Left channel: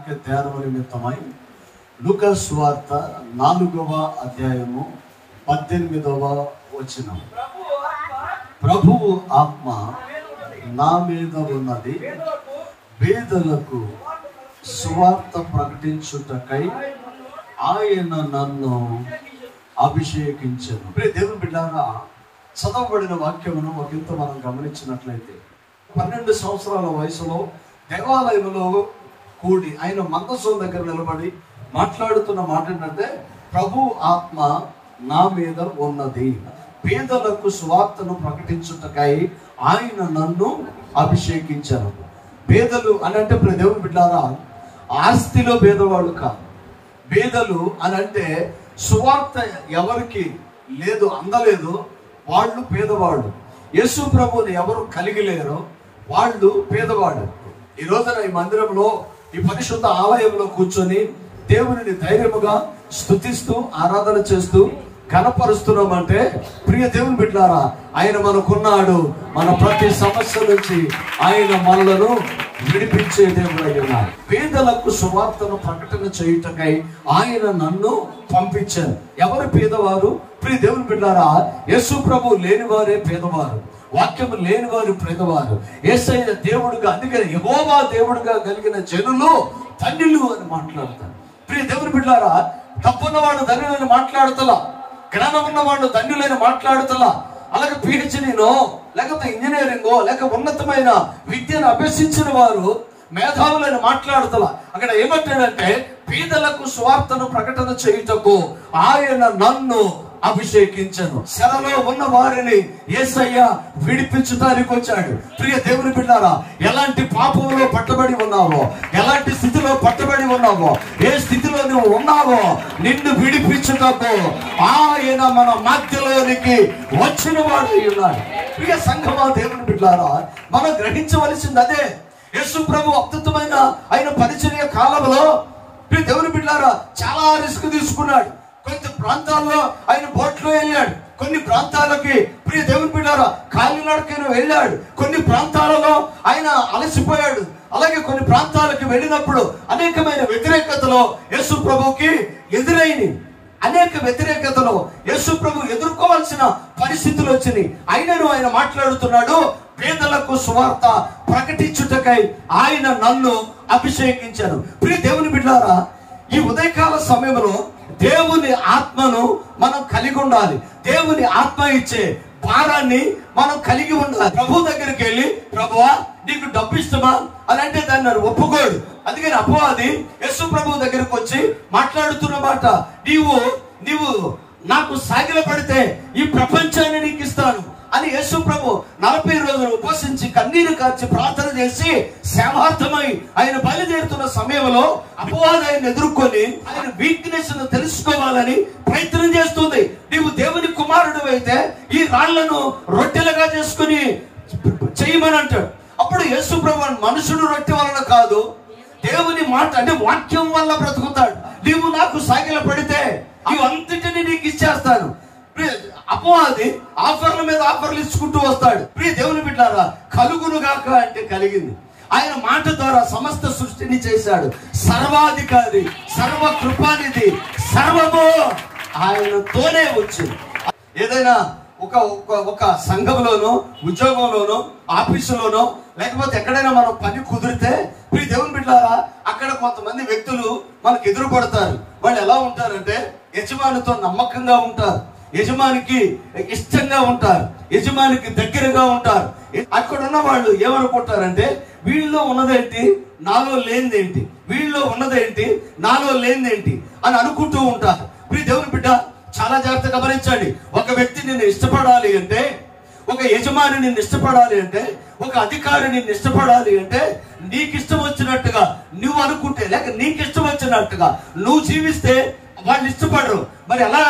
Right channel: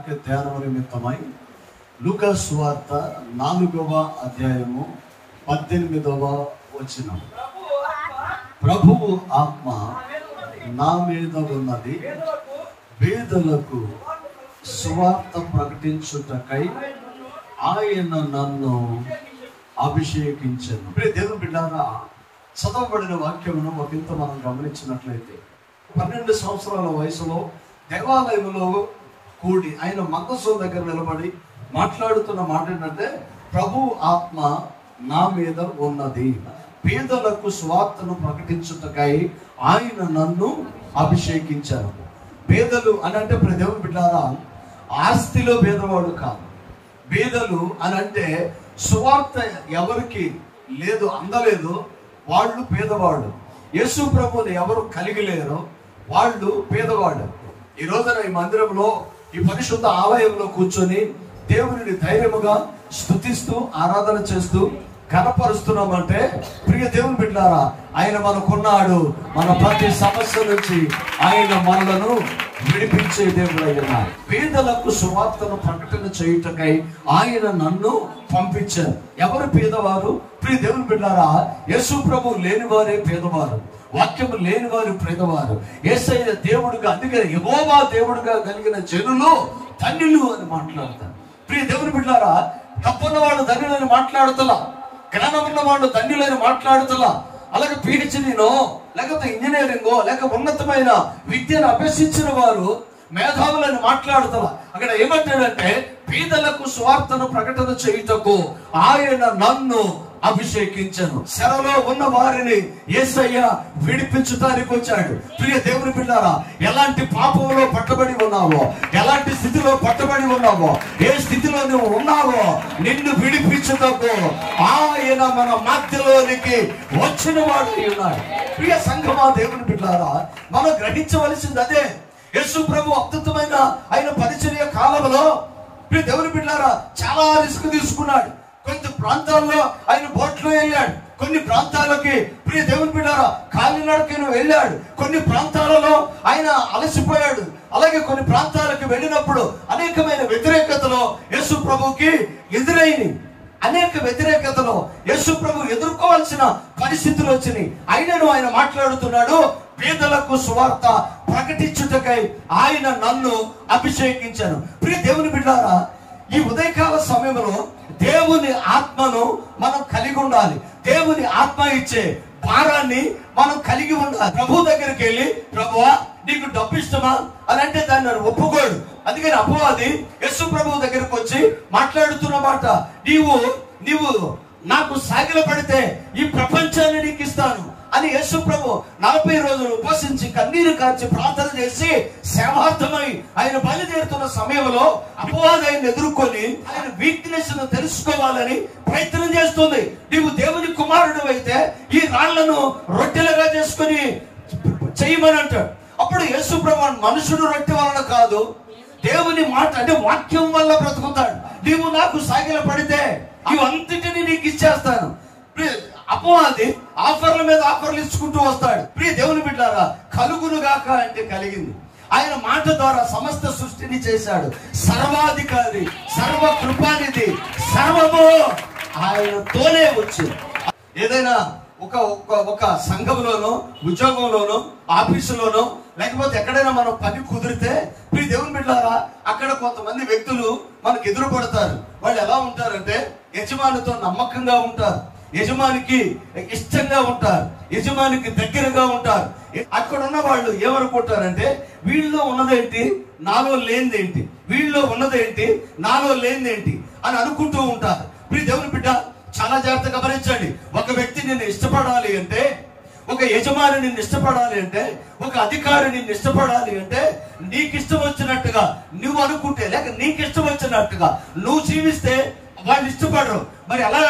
వాక్య ధ్యానం నిమిత్తమై లూకా సువార్త 4వ అధ్యాయము 18వ వచనం. ప్రభువు ఆత్మ నా మీద ఉన్నది, పేదలకు సువార్త ప్రకటించుటకై ఆయన నన్ను అభిషేకించాను. దేవుని బిడ్డారా, చదవబడిన వాక్యమును ఒకంత మనం గమనించినట్లయితే 12 సంవత్సరాల వయసులో దేవాలయంలో కూడి ఆయన మందసం దగ్గర నిలబడి మాట్లాడుతున్న మాట ఏంటంటే, ప్రభు ఆత్మ నా మీద ఉన్నది, పేదలకు సువార్తను ప్రకటించుటకై ఆయన నన్ను అభిషేకించారు. పేదలు అని అంటే దేవుని బిడ్డారా, ఆస్తిలో పేదవాడు కాదు. పేదలు అని అంటే సువార్త ఎవరికి లేదు, అందలేదు, వాళ్ళు పేదవాళ్ళు. యేసు ప్రభుని ఎవరు కలిగి లేరో వాళ్ళు పేదవాడు. ఈ రోజున ఈ మందిరంలో, ఈ పరిశుద్ధ ఆలయంలో కూర్చొని దేవుని ధైర్యముగా స్తుతిస్తూ ఆరాధన చేస్తూ కనపరుస్తున్నామంటే, ప్రియ దేవుని బిడ్డారా, ఆయన మనకున్నాడు. మన ప్రతి సమస్య నుంచి ఆయన మనలను విడిపించే దేవుడైన పేదలకు సువార్తను ప్రకటన చేయుటకై ఆయన నన్ను పంపించారు. ఎవరు పేదవారు? ప్రియ దేవుని బిడ్డారా, యేసు ప్రభు లేనివారే పేదవారు, వాక్యము లేనివారు పేదవారు. యేసయ్య దేవుడుగా, అందుకని యెహోవా దేవుడుగా కలిగిన జనులు ధన్యులు అని మాట్లాడతారు. ప్రియ దేవుని బిడ్డారా, తప్పున్నవాడు ధన్యులని మాట్లాడుతలా, జ్ఞానం ఉన్నవాడు ధన్యులని మాట్లాడుతలా, అలాగే PhDనో లేకపోతే ఇంజనీరింగో లేక ఉన్నతమైన విద్యను అభ్యసించిన వారు మేధావులని మాట్లాడుతలా. అక్కడ ఏమంటాడంటే, పేదలకు సువార్తను ప్రకటన చేయుటకు ఆయన నన్ను అభిషేకించను. చెరలో ఉన్న వారిని యేసయ్య విడిపించడానికి వచ్చాడు. ప్రియ దేవుని బిడ్డారా, ఎలాంటి పాపంలో పట్టబడి ఉన్నావో, ఎలాంటి స్థితిలో పట్టబడి ఉన్నావో, ఏ స్థితిలో నువ్వు ఉన్నావో నిన్ను విడిపించుటకు ఆయన మన మధ్యలోనికి వచ్చిన వాడు ఉన్నాడు. ప్రియ సంఘమా, దేవుని బిడ్డారా, మనం గ్రహించవలసింది అదే. యేసు ప్రభు అద్భుతమైన ఆయన పరిచర్య కాలంలో ప్రియ దేవుని బిడ్డారా చాలా రిస్క్ తీసుకున్నాడు. కొన్ని ప్రాంతాల్లో ఆయన బోట్లో వెళ్ళాడు, కొన్ని ప్రాంతాలకి ప్రియ దేవుని బిడ్డారా కాలినడకన వెళ్ళాడు, కొన్ని ప్రాంతాలలో ఆయన అలసిపోయాడు. అలాగే కొన్ని ప్రాంతాలకి వెళ్ళినప్పుడు అనేకమైన వ్యతిరేకతలో యేసు ప్రభుకి ఎదురైంది. అనేక వ్యతిరేకతలో యేసు ప్రభు ఎదుర్కోవాల్సిన పరిస్థితులు వచ్చినాయి. అయినను ఆయన మాట్లాడుతున్నాడు, పేదలకు సువార్త ప్రకటించుటకై ఆయన నన్ను అభిషేకించాను. ప్రియ దేవుని బిడ్డారా, ఈ ఉదయకాల సమయంలో దేవుని ఆత్మను మనం కలిగి ఉండాలి. దేవుని ఆత్మ ఇచ్చే భారాన్ని మనం కలిగి ఉండాలి. ప్రభు దగ్గరికి వెళ్ళి, ప్రభువా నీకు డబ్బు ఇష్టమా అని అంటే దాన్ని ఒప్పుకోడు. అందుకని అపవాది యేసు ప్రభు దగ్గరికి వచ్చి మాట్లాడుతున్న మాట, నీవు నాకు సాగిల పడితే ఈ ప్రపంచాన్ని నీకు ఇస్తాను అని యేసు ప్రభు 40 రోజులు ఉపవసించి కన్నీరు కార్చి ప్రార్థన చేసి సేవార్థమై ఆయన బయలుదేరుతున్న సమయంలో అపవాది ఆయన ఎదుర్కొని ఆయన వీక్నెస్ ను తెలుసుకోవాలని ప్రయత్నం చేస్తుంది. నీవు దేవుని కుమారుడు అయితే ఈ రాళ్లను రొట్టెలుగా చేసుకుని చేయమని అంటాడు. అప్పుడు యేసు ప్రభు మనుషుడు రొట్టె వలన కాదు, దేవుని మాట అంటే వాక్యం వల్ల బ్రతుకుతాడు. నీవు నాకు సాగిల పడితే ఇవంతటిని నీకు ఇచ్చేస్తాను. అపవాది ఆఫర్ల మీద ఆఫర్లు ఇచ్చుకుంటూ వస్తాడు. ప్రియ దేవుని బిడ్డారా, కలుగును గాక అంటే కలిగింది. ఆయన మాట ద్వారా సమస్త సృష్టిని చేశాడు. సర్వాధికారి, సర్వ కృపానిధి, సర్వము ఆయనతోనే వచ్చింది. ఏదైనా ఒక సంఘంలోనో, ఉద్యోగంలోనో, ఆఫీసులోనో, లేకపోతే ఎక్కడైనా మనం పని కుదిరితే ప్రియ దేవుని బిడ్డారా, అక్కడ కొంతమంది వ్యక్తులు మనకు ఎదురుపడతారు. వాళ్ళు ఎలా ఉంటారంటే, యజమానితో నమ్మకంగా ఉంటారు, యజమానికి ఇష్టంగా ఉంటారు, యజమానికి దగ్గరగా ఉంటారు. అక్కడ ఉన్న వాళ్ళు ఏమనుకుంటారంటే, వీళ్ళలో ఉన్నదేంటి నాలో లేనిదేంటి, వీళ్ళలో ఉన్నదేంటి నాలో లేనిదేంటి అని అనుకుంటూ ఉంటారు. ప్రియ దేవుని బిడ్డ, చాలా జాగ్రత్త గమనించండి. ఒక వ్యక్తి నిన్ను ఇష్టపడాలి అంటే, ఒక యజమాని నిన్ను ఇష్టపడాలి అంటే, ఒక అధికారి నిన్ను ఇష్టపడాలి అంటే, నీకు ఇష్టం వచ్చినట్టుగా నువ్వు అనుకుంటే, లేక నీకు ఇష్టం వచ్చినట్టుగా నువ్వు జీవిస్తే వాళ్ళు ఇష్టపడరు. మరి ఎలా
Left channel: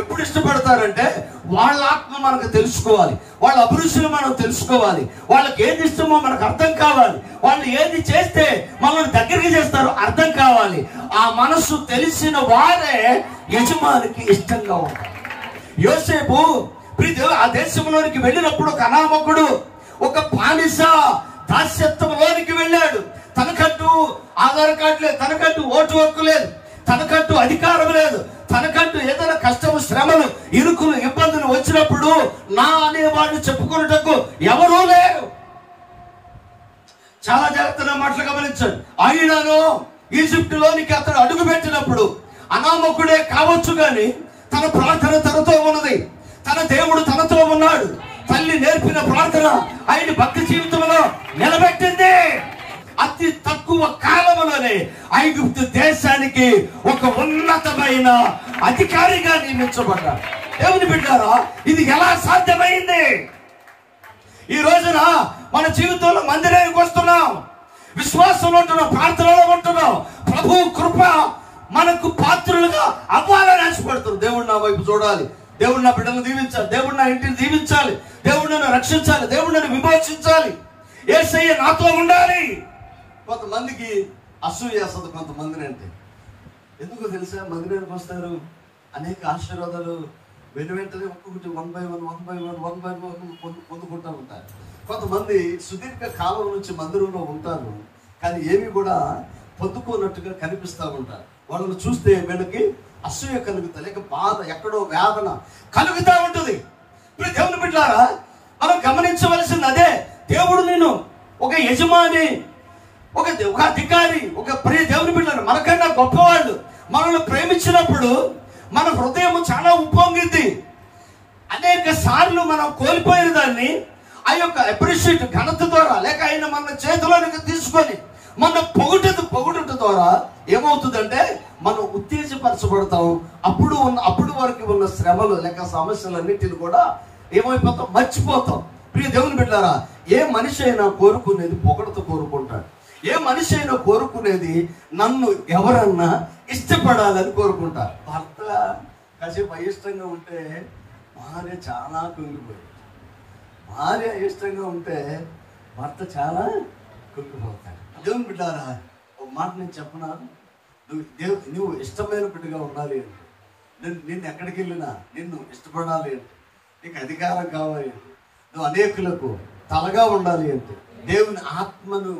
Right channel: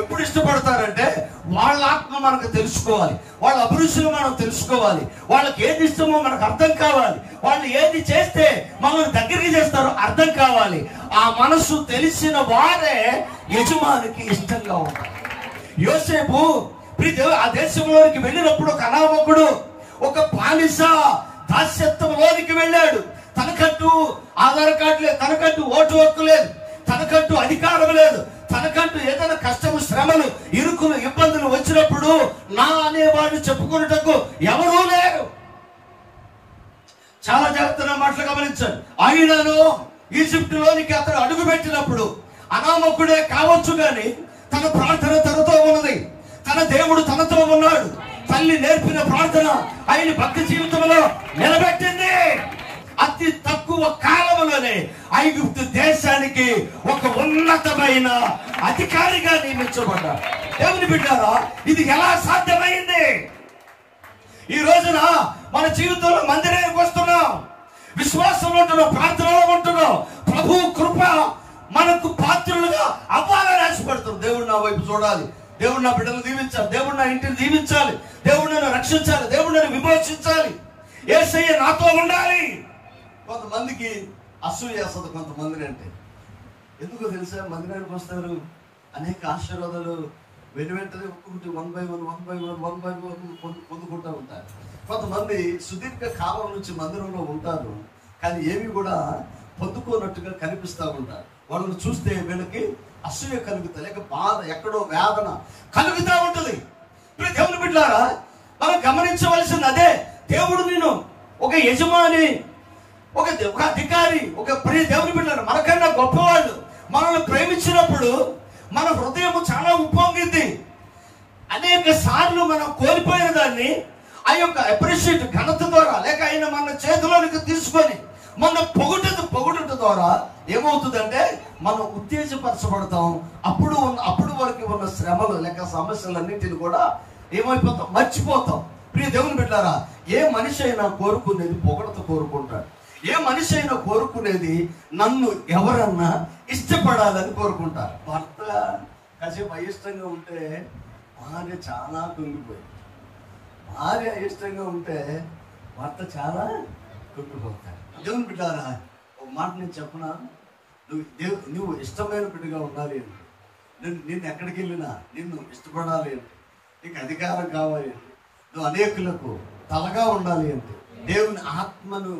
ఎప్పుడు ఇష్టపడతారంటే, వాళ్ళ ఆత్మ మనకు తెలుసుకోవాలి, వాళ్ళ అభిరుచులు మనం తెలుసుకోవాలి, వాళ్ళకి ఏది ఇష్టమో మనకు అర్థం కావాలి, వాళ్ళు ఏది చేస్తే మనల్ని దగ్గరికి చేస్తారో అర్థం కావాలి. ఆ మనసు తెలిసిన వారే యజమానికి ఇష్టంగా ఉంటారు. యోసేపు ఆ దేశంలోనికి వెళ్ళినప్పుడు ఒక అనామకుడు, ఒక బానిస దాస్యత్వంలోనికి వెళ్ళాడు. తనకంటూ ఆధార్ కార్డు లేదు, తనకంటూ ఓటు హక్కు లేదు, తనకంటూ అధికారం లేదు, తనకంటూ ఏదైనా కష్టము, శ్రమలు, ఇరుకులు, ఇబ్బందులు వచ్చినప్పుడు నా అనేవాడిని చెప్పుకున్నటకు ఎవరూ లేరు. చాలా జాగ్రత్తగా మాటలు గమనించండి. అయినను ఈజిప్టులోనికి అతను అడుగు పెట్టినప్పుడు అనామకుడే కావచ్చు గాని తన ప్రార్థన తనతో ఉన్నది, తన దేవుడు తనతో ఉన్నాడు. తల్లి నేర్పిన ప్రార్థన ఆయన భక్తి జీవితంలో నిలబెట్టింది. అతి తక్కువ కాలంలోనే ఐగుప్తు దేశానికి ఒక ఉన్నతమైన అధికారిగా నియమించబడ్డాడు. దేవుని బిడ్డారా, ఇది ఎలా సాధ్యమైంది? ఈ రోజున మన జీవితంలో మందిరానికి వస్తున్నాం, విశ్వాసంలో ఉంటున్నాం, ప్రార్థనలో ఉంటున్నాం. ప్రభు కృప మనకు పాత్రులుగా అవ్వాలని ఆశపడుతుంది. దేవుడు నా వైపు చూడాలి, దేవుడు నా బిడ్డను దీవించాలి, దేవుడు నా ఇంటిని దీవించాలి, దేవుడు నన్ను రక్షించాలి, దేవుడు నన్ను విమోచించాలి, యేసయ్య నాతో ఉండాలి. కొంతమందికి అసూయ వేస్తుంది కొంతమందిని అంటే. ఎందుకో తెలుసా? మందిరానికి వస్తారు, అనేక ఆశీర్వాదాలు వెంటనే ఒక్కొక్కటి 1 by 1 పొందుకుంటూ ఉంటారు. కొంతమంది సుదీర్ఘ కాలం నుంచి మందిరంలో ఉంటారు, కానీ ఏవి కూడా పొందుకోనట్టుగా కనిపిస్తూ ఉంటారు. వాళ్ళని చూస్తే వీళ్ళకి అసూయ కలుగుతా, లేక బాధ, ఎక్కడో వేదన కలుగుతూ ఉంటుంది. ఇప్పుడు దేవుని బిడ్డలారా, మనం గమనించవలసింది అదే. దేవుడు నేను ఒక యజమాని, ఒక అధికారి, ఒక ప్రియ దేవుని బిడ్డలు, మనకన్నా గొప్పవాళ్ళు మనల్ని ప్రేమించినప్పుడు మన హృదయం చాలా ఉప్పొంగిద్ది. అనేక సార్లు మనం కోల్పోయిన దాన్ని ఆ యొక్క అప్రిషియేట్ ఘనత ద్వారా, లేక ఆయన మన చేతిలోనికి తీసుకొని మన పొగుట ద్వారా ఏమవుతుందంటే మనం ఉత్తేజపరచబడతాం. అప్పుడు వరకు ఉన్న శ్రమలు లేక సమస్యలన్నింటిని కూడా ఏమైపోతాం, మర్చిపోతాం. ప్రియ దేవుని బిడ్డలారా, ఏ మనిషి అయినా కోరుకునేది పొగడతో కోరుకుంటాడు. ఏ మనిషి అయినా కోరుకునేది నన్ను ఎవరన్నా ఇష్టపడాలని కోరుకుంటారు. భర్త కాసేపు అయిష్టంగా ఉంటే భార్య చాలా కుంగిపోయింది, భార్య అయిష్టంగా ఉంటే భర్త చాలా కుంగిపోతాడు. దేవుని బిడ్డారా, ఒక మాట నేను చెప్పనా, నువ్వు ఇష్టమైన బిడ్డగా ఉండాలి అంటే, నిన్ను ఎక్కడికి వెళ్ళినా నిన్ను ఇష్టపడాలి అంటే, నీకు అధికారం కావాలి, నువ్వు అనేకులకు తలగా ఉండాలి అంటే, దేవుని ఆత్మను,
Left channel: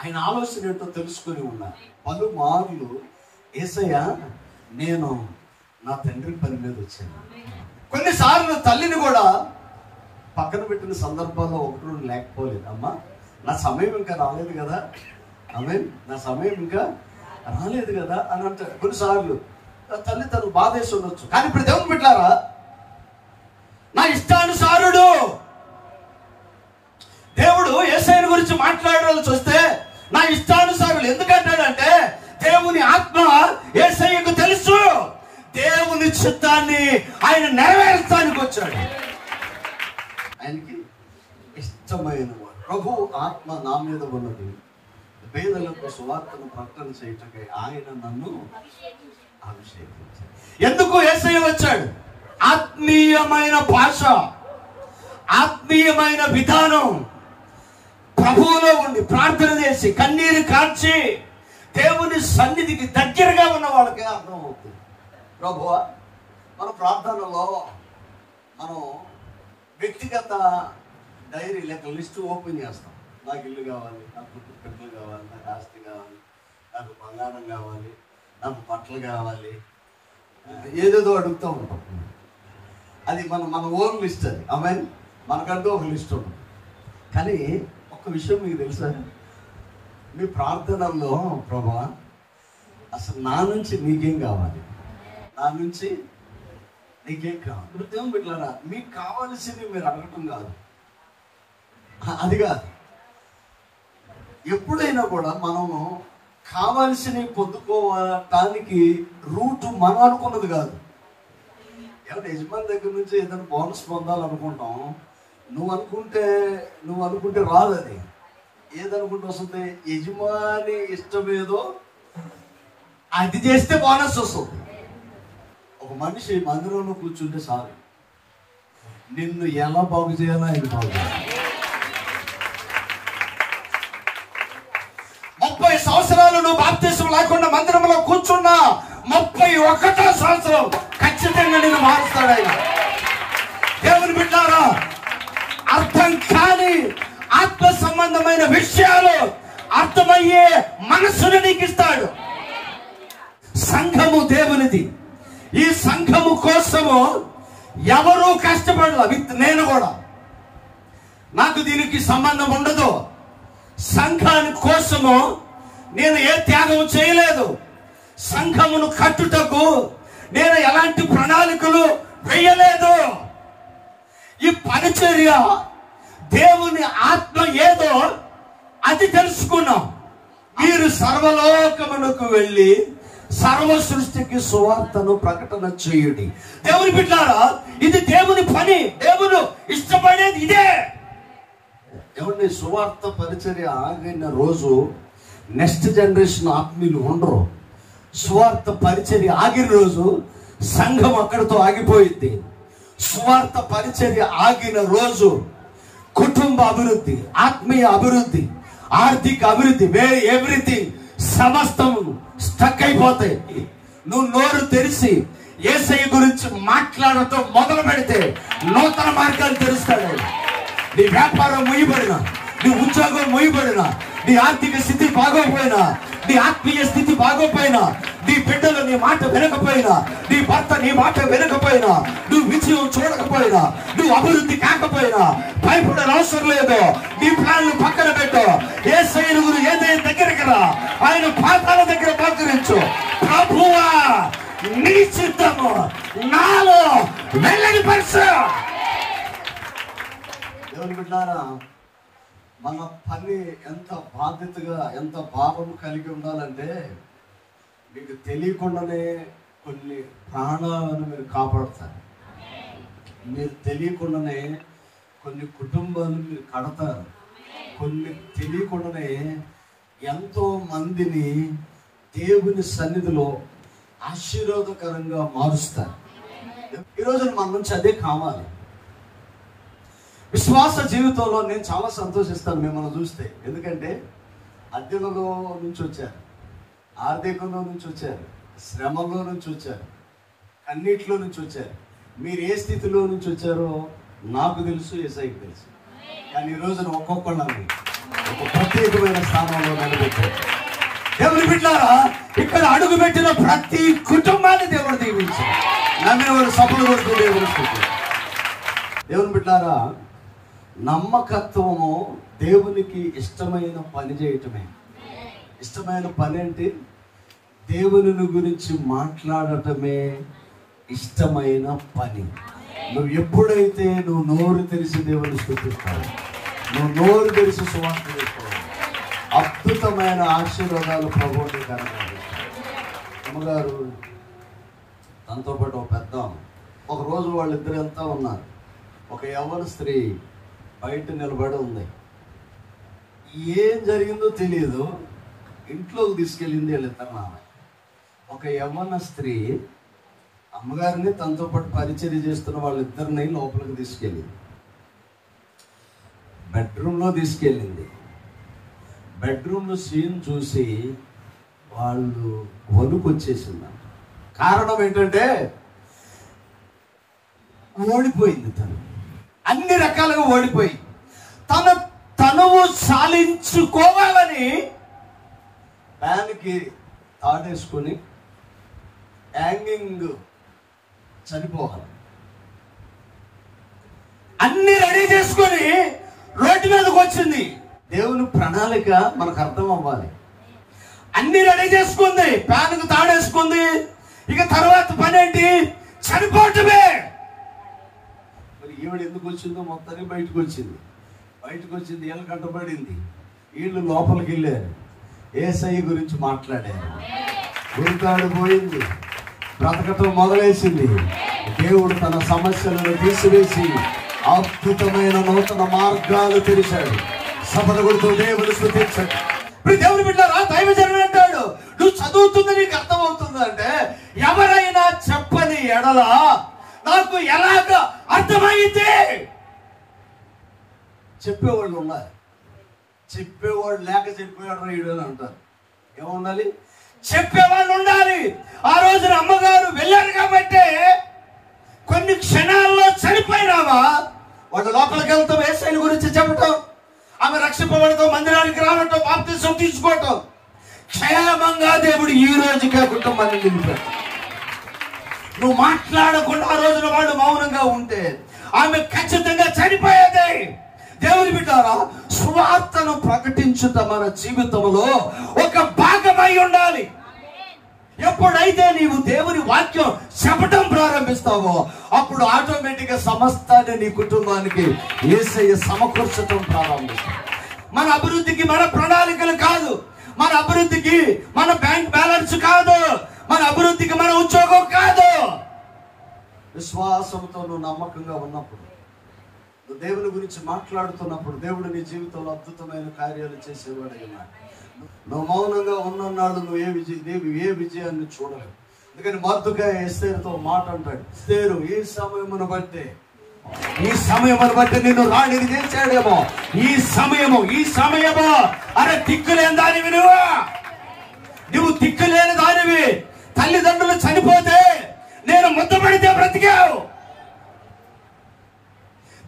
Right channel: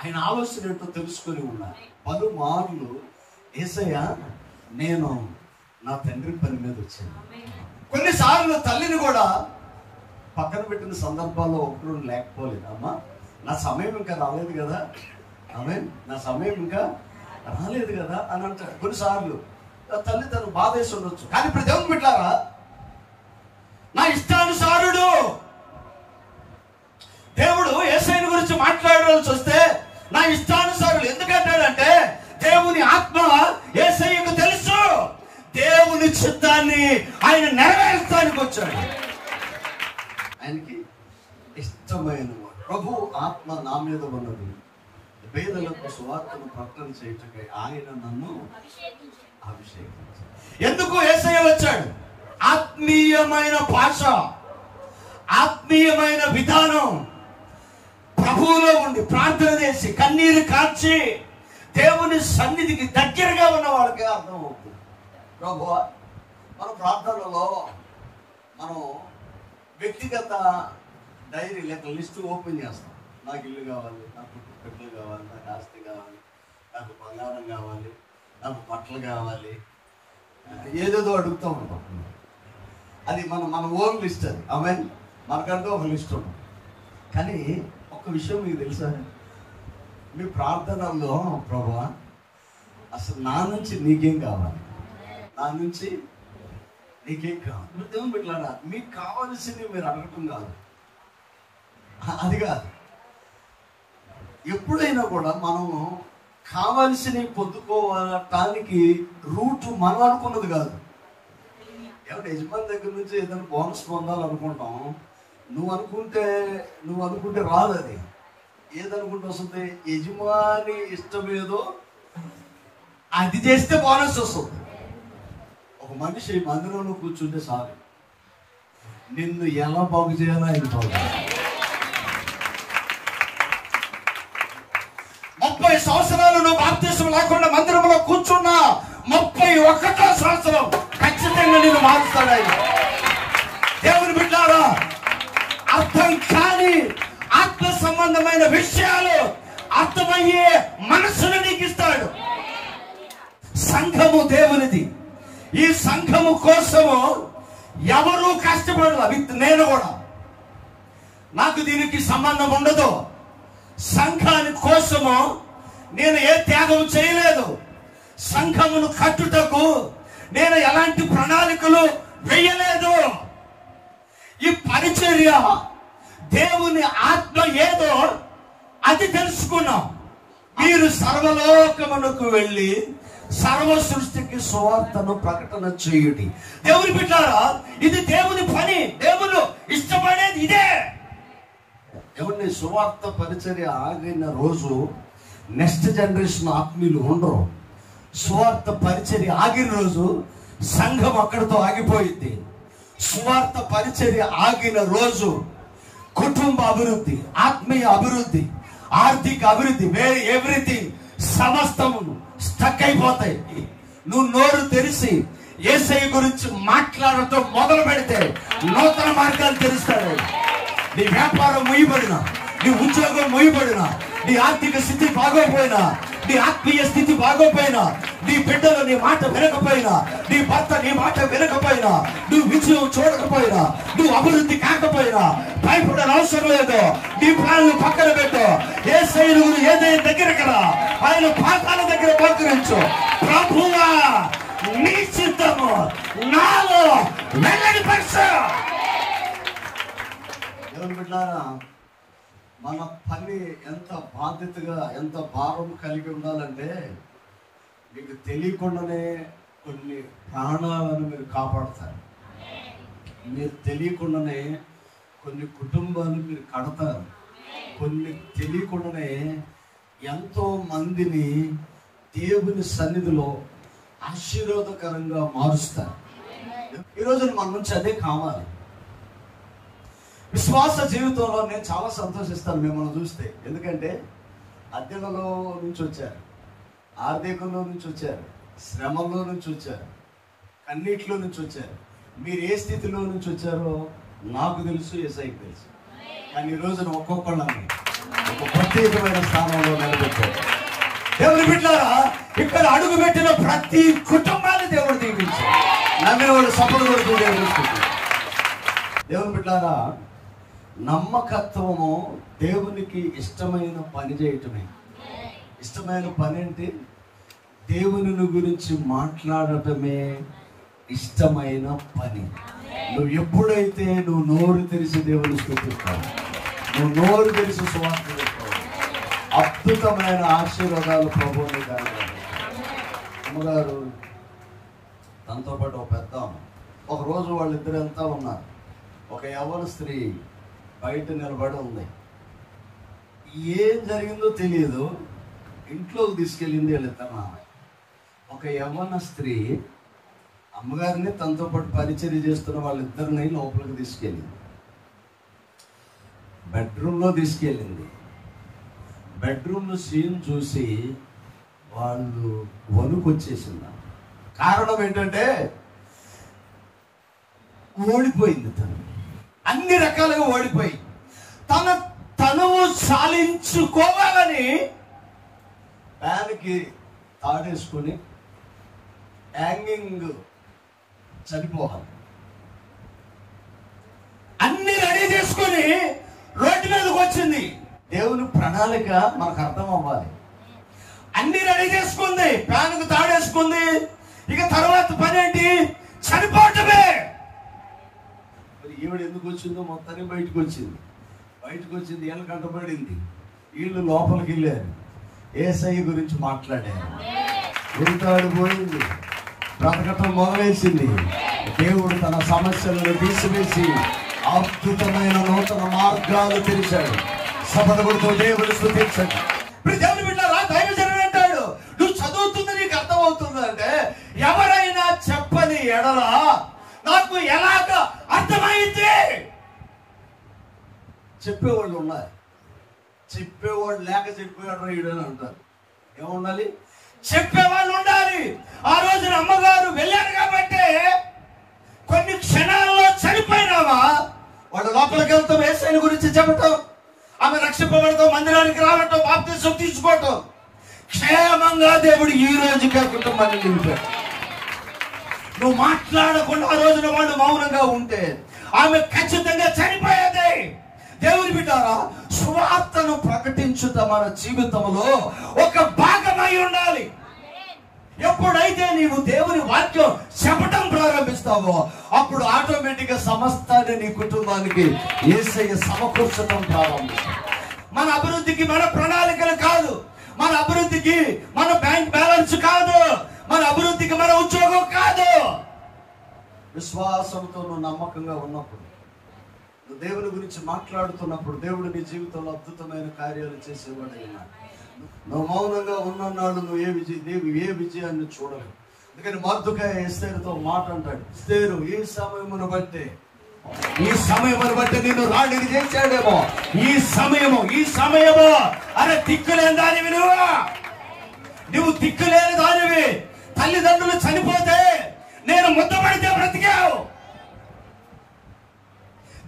ఆయన ఆలోచన ఏంటో తెలుసుకుని ఉన్నారు. పలుమార్లు యేసయ్య నేను నా తండ్రి పని మీద వచ్చాను. కొన్నిసార్లు తల్లిని కూడా పక్కన పెట్టిన సందర్భాల్లో ఒకరు లేకపోలేదు. అమ్మా, నా సమయం ఇంకా రాలేదు కదా, నా సమయం ఇంకా రాలేదు కదా అని అంటారు. కొన్నిసార్లు తల్లి తను బాధేసి ఉండొచ్చు. కానీ ఇప్పుడు దేవుని బిడ్డలారా, నా ఇష్టానుసారుడు దేవుడు యేసయ్య గురించి మాట్లాడాల్సి వస్తే నా ఇష్టానుసారులు ఎందుకంటాడంటే, దేవుని ఆత్మ యేసయ్యకు తెలుసు, దేవుని చిత్తాన్ని ఆయన నెరవేర్చడానికి వచ్చాడు. ఆయనకి ఇష్టమైన ప్రభు ఆత్మ నా మీద ఉన్నది, పేదలకు సువార్తను ప్రకటన చేయటకై ఆయన నన్ను అభిషేకించాడు. ఎందుకు యేసయ్య వచ్చాడు? ఆత్మీయమైన భాష, ఆత్మీయమైన విధానం, ప్రభువులో ఉండి ప్రార్థన చేసి కన్నీరు కార్చి దేవుని సన్నిధికి దగ్గరగా ఉన్న వాళ్ళకి అర్థం అవుతుంది. ప్రభువా, మన ప్రార్థనలో మనం వ్యక్తిగత డైరీ లేక లిస్టు ఓపెన్ చేస్తాం. నాకు ఇల్లు కావాలి, నాకు బిడ్డలు కావాలి, నాకు ఆస్తి కావాలి, నాకు బంగారం కావాలి, నాకు బట్టలు కావాలి, ఏదేదో అడుగుతూ ఉంటాం. అది మన ఓన్ లిస్ట్. అది మనకంటూ ఒక లిస్ట్ ఉంది. కానీ ఒక విషయం మీకు తెలుసా? మీ ప్రార్థనలో ప్రభువా, అసలు నా నుంచి నీకేం కావాలి, నా నుంచి నీకేం కావాలి. వృద్ధం బిడ్డలారా, మీకు కావాల్సింది మీరు అడగటం కాదు, అది కాదు. ఎప్పుడైనా కూడా మనము కావాల్సినవి పొందుకోవటానికి రూటు మనం అనుకున్నది కాదు. ఎవరు యజమాని దగ్గర నుంచి ఏదైనా బోనస్ పొందాలనుకుంటాం, నువ్వు అనుకుంటే రాదు. అది ఏదనుకుంటే వస్తుంది, యజమాని ఇష్టమేదో అది చేస్తే బోనస్ వస్తుంది. ఒక మనిషి మందిరంలో కూర్చుంటే చాలు, నిన్ను ఎలా బాగు చేయాలో ఆయన బాగు. 30 సంవత్సరాలు నువ్వు బాప్తిసం లేకుండా మందిరంలో కూర్చున్నా 31వ సంవత్సరం ఖచ్చితంగా నేను మారుస్తాడు ఆయన. దేవుని బిడ్డారా, అర్థం కాని ఆత్మ సంబంధమైన విషయాలు అర్థమయ్యే మనస్సును నీకు ఇస్తాడు. సంఘము దేవునిది. ఈ సంఘము కోసము ఎవరూ కష్టపడలా. నేను కూడా, నాకు దీనికి సంబంధం ఉండదు. సంఘాని కోసము నేను ఏ త్యాగం చేయలేదు. సంఘమును కట్టుటకు నేను ఎలాంటి ప్రణాళికలు వేయలేదు. ఈ పరిచర్య దేవుని ఆత్మ ఏదో అది తెలుసుకున్నాం. మీరు సర్వలోకమునకు వెళ్ళి సర్వ సృష్టికి సువార్తను ప్రకటన చేయుడి. దేవుని బిడ్డలారా, ఇది దేవుని పని. దేవుడు ఇష్టపడేది ఇదే. ఎవరి సువార్త పరిచర్య ఆగిన రోజు నెక్స్ట్ జనరేషన్ ఆత్మీయులు ఉండరు. సువార్త పరిచర్య ఆగిన రోజు సంఘం అక్కడితో ఆగిపోయింది. సువార్త పరిచర్య ఆగిన రోజు కుటుంబ అభివృద్ధి, ఆత్మీయ అభివృద్ధి, ఆర్థిక అభివృద్ధి, ఎవ్రీథింగ్ సమస్తము స్టక్ అయిపోతాయి. నువ్వు నోరు తెరిచి యేసయ్య గురించి మాట్లాడటం మొదలు పెడితే నూతన మార్గాలు తెరుస్తాడు. నీ వ్యాపారం ముయ్యబడినా, నీ ఉద్యోగం ముయ్యబడినా, నీ ఆర్థిక స్థితి బాగోపోయినా, నీ ఆత్మీయ స్థితి బాగోపోయినా, నీ బిడ్డలు నీ మాట వినకపోయినా, నీ భర్త నీ మాట వినకపోయినా, నువ్వు విజయం చూడకపోయినా, నువ్వు అభివృద్ధి కాకపోయినా భయపడని అవసరం లేదు. నీ ప్రాణాలను పక్కన పెట్టు. యేసయ్య ఏదైనా దగ్గరికి రా, ఆయన పాదాల దగ్గర పలకరించు. ప్రభువా, నీ చిత్తము నాలో వెళ్ళని పరుచు. మన పని ఎంత బాధ్యతగా, ఎంత భావం కలిగి ఉండాలంటే, మీకు తెలియకుండానే కొన్ని ప్రాణాలను మీరు కాపాడతారు. మీరు తెలియకుండానే కొన్ని కుటుంబాలు మీరు కడతారు. కొన్ని తెలియకుండానే ఎంతో మందిని దేవుని సన్నిధిలో ఆశీర్వాదకరంగా మారుస్తారు. ఈరోజు మన నుంచి అదే కావాలి. విశ్వాస జీవితంలో నేను చాలా సంతోషిస్తాను మిమ్మల్ని చూస్తే. ఎందుకంటే అద్దెలలో నుంచి వచ్చారు, ఆర్థికంలో నుంచి వచ్చారు, శ్రమలో నుంచి వచ్చారు, కన్నీటిలో నుంచి వచ్చారు. మీరు ఏ స్థితిలో నుంచి వచ్చారో నాకు తెలుసు, యేసయ్యకు తెలుసు. కానీ ఈ రోజున ఒక్కొక్కళ్ళని ఒక ప్రత్యేకమైన స్థానంలో నిలబెట్టారు. దేవుని బిడ్డలారా, ఇక్కడ అడుగు పెట్టిన ప్రతి కుటుంబాన్ని దేవుడు దీవించారు. నమ్మినవాడు సఫలం పడుతుంది. దేవుని బిడ్డలారా, నమ్మకత్వము దేవునికి ఇష్టమైన పని చేయటమే. ఇష్టమైన పని అంటే దేవుని గురించి మాట్లాడటమే ఇష్టమైన పని. నువ్వు ఎప్పుడైతే నువ్వు నోరు తెరిచి దేవుని స్తుతిస్తావు, నువ్వు నోరు తెరిచి సువార్త చెప్తావు, అద్భుతమైన ఆశీర్వాదాలు ప్రభువుని కలగాలి. అమ్మగారు తనతో పాటు ఒక పెద్ద, ఒకరోజు వాళ్ళిద్దరంతా ఉన్నారు. ఒక యవ్వన స్త్రీ బయట నిలబడి ఉంది. ఏం జరిగిందో తెలియదు. ఇంట్లోకి తీసుకెళ్ళింది వీళ్ళిద్దరు. ఒక యవ్వన స్త్రీ అమ్మగారిని తనతో పాటు పరిచర్య చేస్తున్న వాళ్ళిద్దరిని లోపలికి తీసుకెళ్ళింది. బెడ్రూమ్లో తీసుకెళ్ళింది. బెడ్రూమ్లో సీన్ చూసి వాళ్ళు వణుకొచ్చేసింది. కారణం ఏంటంటే ఓడిపోయింది. తను అన్ని రకాలుగా ఓడిపోయి తన తనువు సాధించుకోవాలని ఫ్యాన్కి తాడేసుకుని హ్యాంగింగ్ చనిపోవాలి. అన్ని రెడీ చేసుకొని రోడ్డు మీదకి వచ్చింది. దేవుని ప్రణాళిక మనకు అర్థం అవ్వాలి. అన్ని రెడీ చేసుకుంది, ఫ్యాన్కు తాడేసుకుంది. ఇక తర్వాత పని ఏంటి? చనిపోవటమే. ఈవిడ ఎందుకు వచ్చిందో మొత్తాన్ని బయటకు వచ్చింది. వీళ్ళు కంటపడింది. వీళ్ళు లోపలికి వెళ్ళారు, యేసయ్య గురించి మాట్లాడారు. వెళ్తాడు పోయింది, బ్రతకటం మొదలేసింది. దేవుడు తన సమస్యలను తీసివేసి అద్భుతమైన నూతన మార్గాలు తెరిచాడు. సపడగుడితో దేవుడు స్తుతించాడు. దేవుని బిడ్డలారా, దైవజనుడు అంటాడు, నువ్వు చదువుతుంది నీకు అర్థమవుతుంది అంటే, ఎవరైనా చెప్పని ఎడల నాకు ఎలాగ అర్థమైంది? చెప్పేవాళ్ళు ఉన్నారు. చెప్పేవాడు లేక చెప్పేవాడు రాయుడని అంటారు. ఏముండాలి? చెప్పేవాళ్ళు ఉండాలి. ఆ రోజున అమ్మగారు వెళ్ళారు కాబట్టి కొన్ని క్షణాల్లో చనిపోయినామా వాళ్ళు లోపలికి వెళ్తాం, యేసయ్య గురించి చెప్పటం, ఆమె రక్షింపబడతాం, మందిరానికి రావటం, బాప్తిసం తీసుకోవటం. మౌనంగా దేవుడు ఈ రోజుకి ఆ కుటుంబాన్ని నిలిపాడు. నువ్వు మాట్లాడకుండా ఆ రోజున వాళ్ళు మౌనంగా ఉంటే ఆమె ఖచ్చితంగా చనిపోయేది. దేవుని బిడ్డారా, సువార్తను ప్రకటించుట మన జీవితంలో ఒక భాగమై ఉండాలి. ఎప్పుడైతే నీవు దేవుని వాక్యం చెప్పడం ప్రారంభిస్తావో అప్పుడు ఆటోమేటిక్ గా సమస్తాన్ని నీ కుటుంబానికి యేసయ్య సమకూర్చడం ప్రారంభిస్తావు. మన అభివృద్ధికి మన ప్రణాళికలు కాదు, మన అభివృద్ధికి మన బ్యాంక్ బ్యాలెన్స్ కాదు, మన అభివృద్ధికి మన ఉద్యోగం కాదు. విశ్వాసంతో నువ్వు నమ్మకంగా ఉన్నప్పుడు, నువ్వు దేవుని గురించి మాట్లాడుతున్నప్పుడు దేవుడు నీ జీవితంలో అద్భుతమైన కార్యాలు చేసేవాడైనా. నువ్వు మౌనంగా ఉన్ననాడు నువ్వు ఏ విజయాన్ని చూడలేవు. అందుకని మర్దుకాయ ఎస్తేరుతో మాట అంటాడు, ఎస్తేరు ఈ సమయమును బట్టి నిన్ను రాణిని చేశాడేమో, ఈ సమయము అరే దిక్కులేని దానివి నువ్వు దిక్కులేని దానివి. తల్లిదండ్రులు చనిపోతే నేను ముద్దపడితే బ్రతికావు.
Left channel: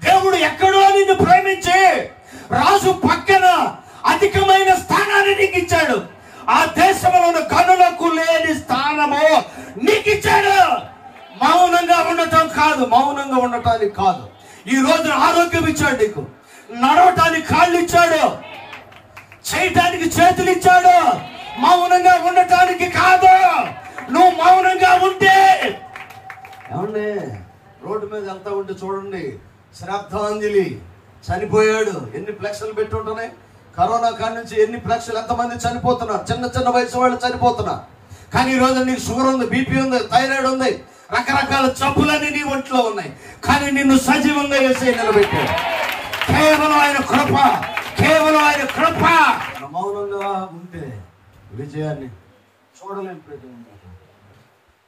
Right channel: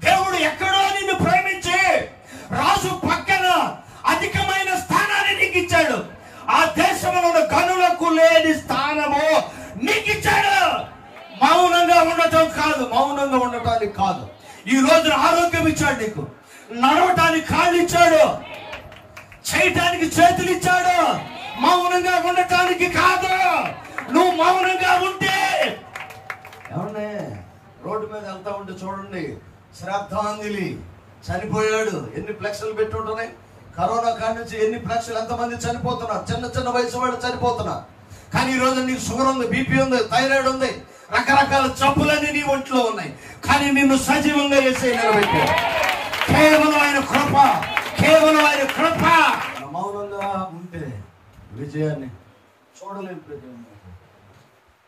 దేవుడు ఎక్కడో నిన్ను ప్రేమించి రాజు పక్కన అధికమైన స్థానాన్ని నీకు ఇచ్చాడు. ఆ దేశంలో ఉన్న గనులకు లేని స్థానము నీకు ఇచ్చాడు. మౌనంగా ఉండటం కాదు, మౌనంగా ఉండటానికి కాదు. ఈ రోజు ఆరోగ్యం ఇచ్చాడు నీకు, నడవటానికి కాళ్ళు ఇచ్చాడు, చేయటానికి చేతులు ఇచ్చాడు. మౌనంగా ఉండటానికి కాదు. నువ్వు మౌనంగా ఉంటే ఏమండి, రోడ్డు మీద వెళ్తా ఉంటే చూడండి, శ్రాద్ధాంజలి చనిపోయాడు, ఎన్ని ఫ్లెక్స్లు పెట్టి ఉంటున్నాయి. కరోనా కాడి నుంచి ఎన్ని ఫ్లెక్స్లు, ఎంతమంది చనిపోతున్నారు, చిన్న వయసు వాళ్ళు చనిపోతున్నారు. కానీ ఈ రోజు నీకు షుగర్ ఉంది, బీపీ ఉంది, థైరాయిడ్ ఉంది, రకరకాల జబ్బులన్నీ నీ ఒంట్లో ఉన్నాయి. కానీ నిన్ను సజీవంగా వేసే నిలబెట్టాడు కేవలం ఆయన కృప, కేవలం ఆయన కృప. మౌనంగా ఉంటే విజయాన్ని చూడలేకపోతే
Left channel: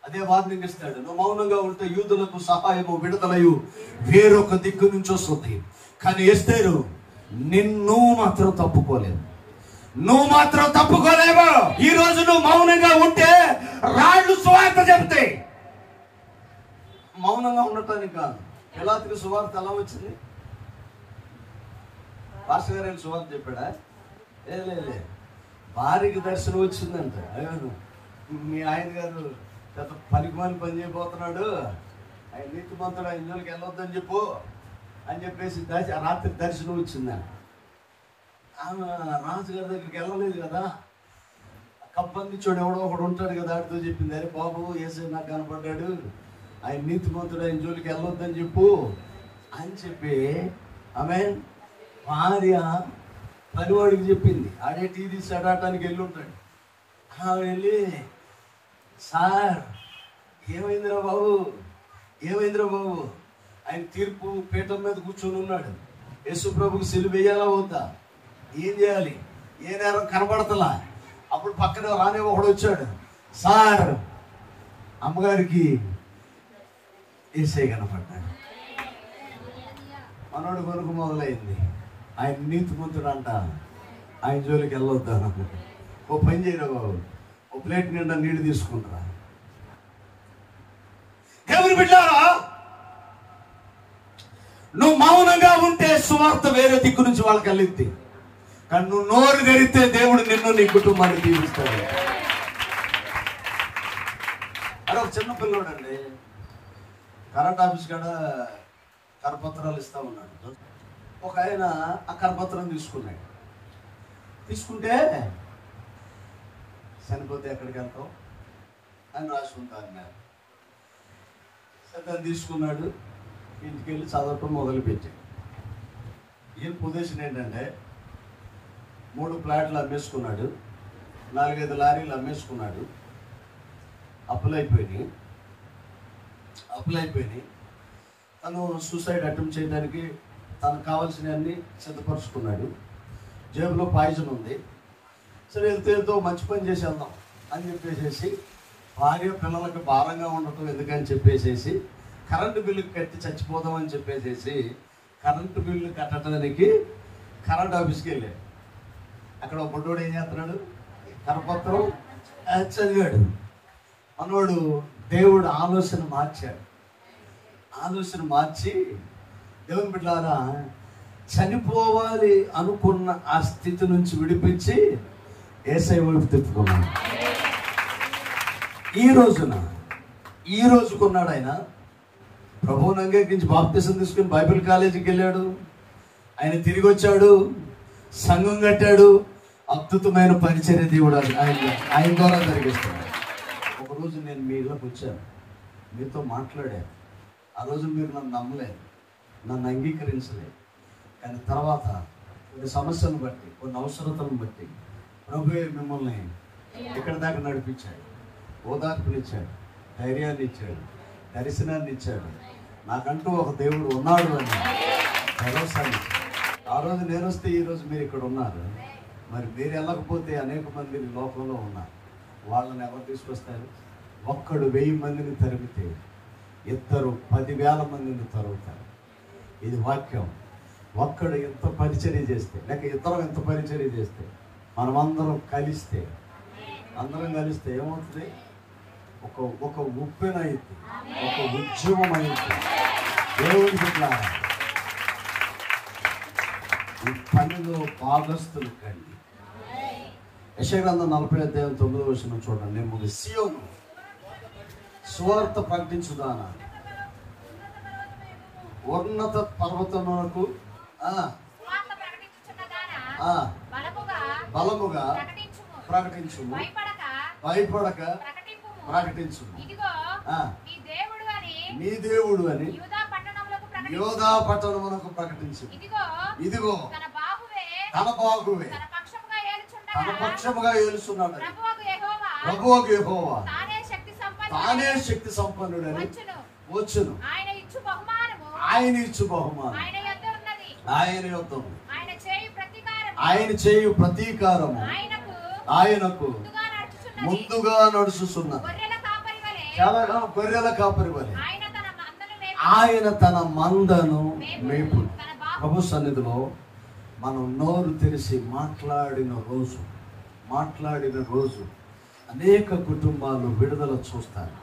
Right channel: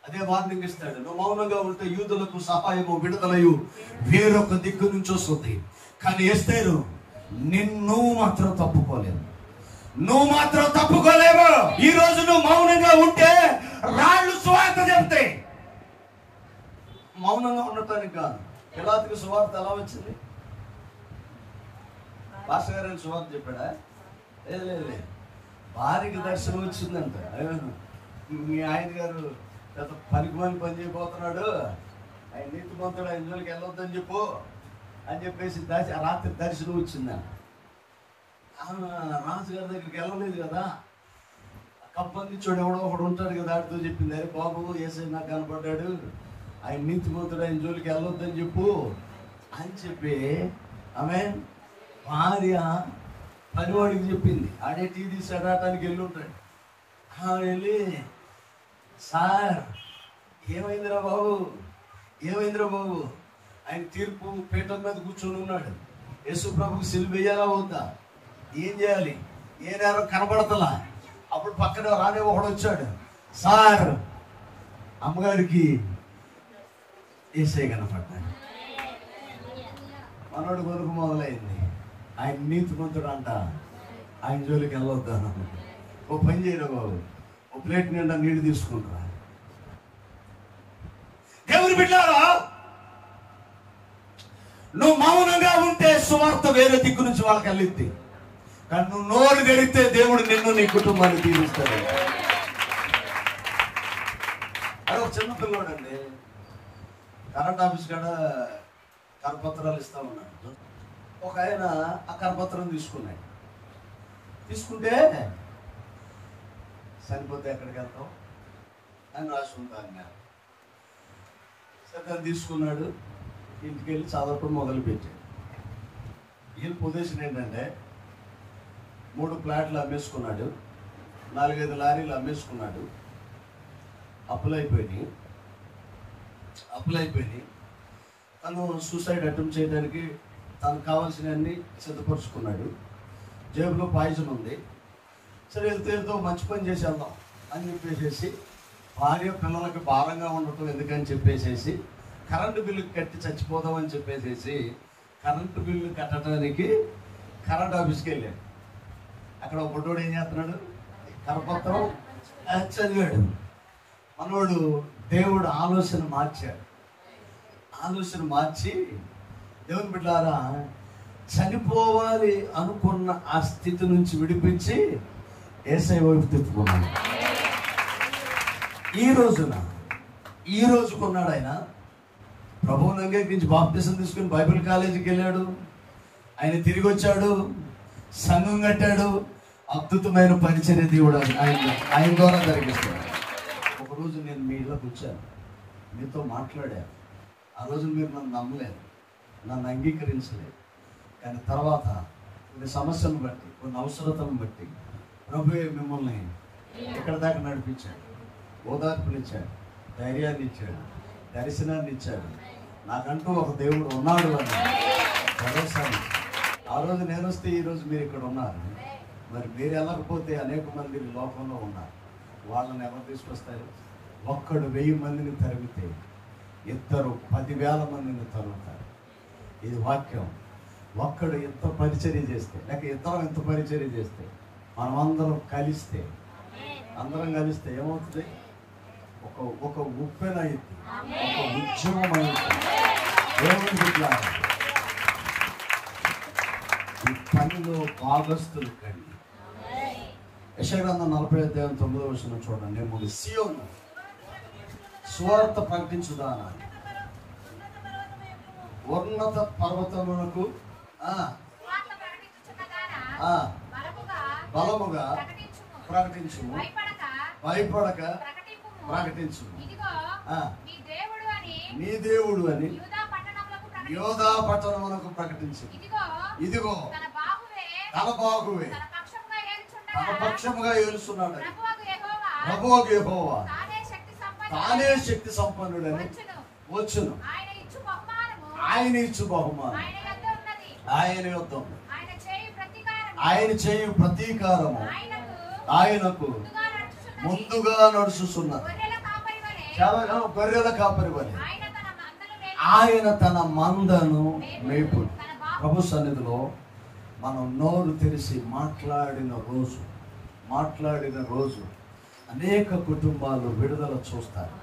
అదే వార్నింగ్ ఇస్తాడు. నువ్వు మౌనంగా ఉంటే యూదులకు సహాయము విడుదలయు వేరొక దిక్కు నుంచి వస్తుంది. కానీ ఎస్తేరు నిన్ను మాత్రం తప్పుకోలేవు, నువ్వు మాత్రం తప్పుకోలేవు. ఈ రోజు నువ్వు మౌనంగా ఉంటే రాళ్ళు సువార్త చెప్తాయి. మౌనంగా ఉండటానికి కాదు. పిలాతుకు సువార్త ఎలా వచ్చింది? పాస్టర్ గారు సువార్త చెప్పాడా? లే, భార్యకి దర్శనం వచ్చిందంట. మీ ఆయన గారు పెద్ద పనికిమాని పని చేయబోతున్నాడు, ఆయన నీతిమంతుడు, ఆయన జోలికి వెళ్ళొద్దని చెప్పు అని చెప్పేసి రాత్రి దర్శనం వచ్చిందా. రాజుగారి దగ్గరికి వెళ్ళలేదు కదా, కప్పందించోడు ఎవడో ఒకడు ఉంటాడు కదా, ఆడితో చెప్పింది, అరే బాబు యేసయ్య నాకు కనపడ్డాడు, ఆయన నీతిమంతుడు, ఆయన జోలికి వెళ్ళొద్దని చెప్పు అని చెప్పి ఆమె భార్య పనివాడికి చెప్పింది. ఆడే టీ తీసి అడటానికి వెళ్ళి ఉంటాడు. వెళ్ళి, సార్ ఏమైందిరా బాబు, ఆయన తీర్పు పీఠం మీద కూర్చొని ఉన్నాడు. యేసు ప్రభుకి సిలువ వేయాలా వద్దా, ఏం చేయాలి, ఏ నేరం కనపడతలా. అప్పుడు పక్కన రానే ఒకడు వచ్చాడు, సార్ అమ్మగారికి యేసయ్య కనపడ్డాడు. మనోడు కొనుక్కు మొదలైంది, ఆయన నీతిమంతుడు అంట, ఆయన జోలికి వెళ్ళొద్దా. ఓ పని చేయరా బాబు, ఓ ప్లేట్ నిండా నీళ్ళు తీసుకుంటా. దేవుని బిడ్డారా, నువ్వు మౌనంగా ఉంటే సువార్త వేరే దిక్కు నుంచి వాళ్ళకి వెళ్ళిద్ది. కానీ నువ్వు నోరు తెరిస్తే దేవుడు నిన్ను నీ కుటుంబాన్ని దీవిస్తాడు. అరే ఒక చిన్న పిల్లోడు అండి, కరెంట్ ఆఫీస్ కాడ కరపత్రాలు ఇస్తా ఉన్నాడు. ఒక ఆయన ఆ కరపత్రం తీసుకుంటే చనిపోతే ఎక్కడికి వెళ్తాం అని రాసి ఉంటా అన్నారు. సరే తీసుకున్నాడు, ఇంటికి వెళ్ళి చదవటం మొదలుపెట్టి. ఏం పొజిషన్ ఏంటంటే 3 ప్లాట్లు అమ్మేసుకున్నాడు, 4-5 లారీలు అమ్మేసుకున్నాడు. అప్పులైపోయినాయి. తను సూసైడ్ అటెంప్ట్ చేయడానికి తనకు కావాల్సినవన్నీ సిద్ధపరుచుకున్నాడు. జేబులో పాయిజన్ ఉంది. సరే వెళ్తే మంచి పని చేసేద్దాం అని చెప్పేసి భార్య పిల్లలకి భారంగా ఉండటం ఎందుకని చెప్పేసి కరెంటు బిల్లు కట్టి చచ్చిపోదామని చెప్పేసి కరెంటు బిల్లు కట్టడానికి కరెంట్ ఆఫీస్కి వెళ్ళాడు. అక్కడ ఒక బుడ్డోడు ఏం చేస్తున్నాడు, కరపత్రం చదివాడు. మనోడు దేవుడు ఆలోచన మార్చి దేవుని బిడ్డలారా చనిపోవాలి అనుకున్న ఆ స్థితి నుంచి విడిపించి యేసయ్య వైపు తిప్పుకున్నాడు. ఈ రోజుకున్నాడు ఆయన. ప్రభువుని అంగీకరించి బాప్తిసం తీసుకుని బైబిల్ కాలేజీకి వెళ్ళాడు. ఆయన తిరిగి వచ్చాడు, సంఘం కట్టాడు. అద్భుతమైన పరిచర్య దేవుడు ఆయన ద్వారా జరిగిస్తున్నాడు. ఒకరోజు నేను మీ ఇళ్ళకి వచ్చాను, మీతో మాట్లాడాను. ఆ రోజు మీరు నన్ను నమ్మలేదు, నన్ను అంగీకరించలేదు. కానీ తర్వాత కొన్ని సమస్యలను బట్టి, కొన్ని అవసరతలను బట్టి ప్రభువే మిమ్మల్ని ఇక్కడ దాకా నడిపించాడు, ఓదార్పునిచ్చాడు, ధైర్యాన్ని ఇచ్చాడు, దర్శనాన్ని ఇచ్చాడు. నాకంటూ ఒక దేవుడు ఉన్నాడు అని భరోసాన్ని. ఆ రోజు నేను వస్తే ఈరోజు మీరు ఇక్కడ ఉన్నారు. మరి మీరు వెళ్ళకపోతే అనేక మంది లోకంలో ఉన్నారు. వాళ్ళని ఎవరు తీసుకొస్తారు? ఒక్కడు 1000 మందిని తరిగితే ఇద్దరు 10,000 మందిని తరుగుతారు. ఇది వాక్యం. ఒక్కడు ఎంత పరిచర్య చేస్తే, లేక ఇద్దరం ఎంత పరిచర్య చేస్తే, మనమందరం కలిస్తే, అందరం కలిస్తే ఏమవుతుంది? ఒక ఉప్పెనైంది, ఒక ఉద్యమం అయింది. దేవుడి బిడ్డ ఈ పనిలో భాగస్తులు కండి. యెషయా గ్రంథం 40:9 చూడండి. నేను సీయోను సువార్త ప్రకటించుదా, ఉన్నత పర్వతమునకు బలముగా ప్రకటించు, భయపడక ప్రకటించు. నీ దేవుడు అని యోధా పట్టణమునకు ప్రకటించు. ఇదిగో తన బాగువే తన పక్షముగా ఏలుస్తున్నాడు. ప్రభువకు యెహోవా తానే శక్తి సంపన్నుడని వచ్చును. ఆయన ఇచ్చు బహుమానం ఆయన యొద్ద ఉంది. ఆయన చేయు ప్రతీకారము ఆయనకు ముందుగా నడుచుతున్నది. గొర్రెల కాపరి వలె ఆయన తన మందను మేపు. ప్రభు సన్నిధిలో మనం నోరు తెరిచి మాట్లాడిన రోజు అనేక కుటుంబాలు విడుదల చూస్తారు.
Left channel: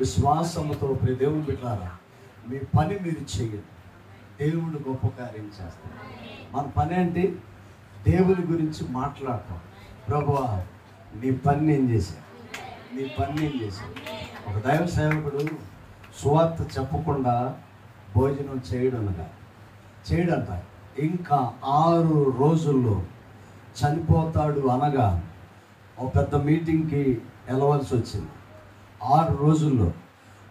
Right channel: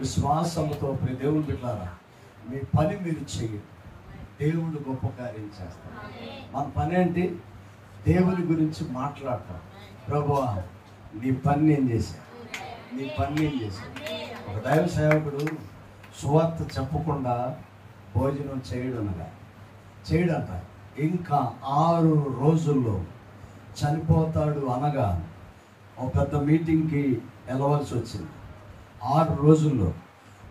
విశ్వాసంతో దేవుని బిడ్డలారా, మీ పని మీరు చేయండి, దేవుడు గొప్ప కార్యం చేస్తాడు. మన పని ఏంటి? దేవుని గురించి మాట్లాడతాం. ప్రభువా నీ పని నేను చేశాను, నీ పని నేను చేశాను. ఒక దైవ సేవకుడు సువార్త చెప్పకుండా భోజనం చేయడంట. ఇంకా 6 రోజుల్లో చనిపోతాడు అనగా ఒక పెద్ద మీటింగ్కి వెళ్ళవలసి వచ్చింది. 6 రోజుల్లో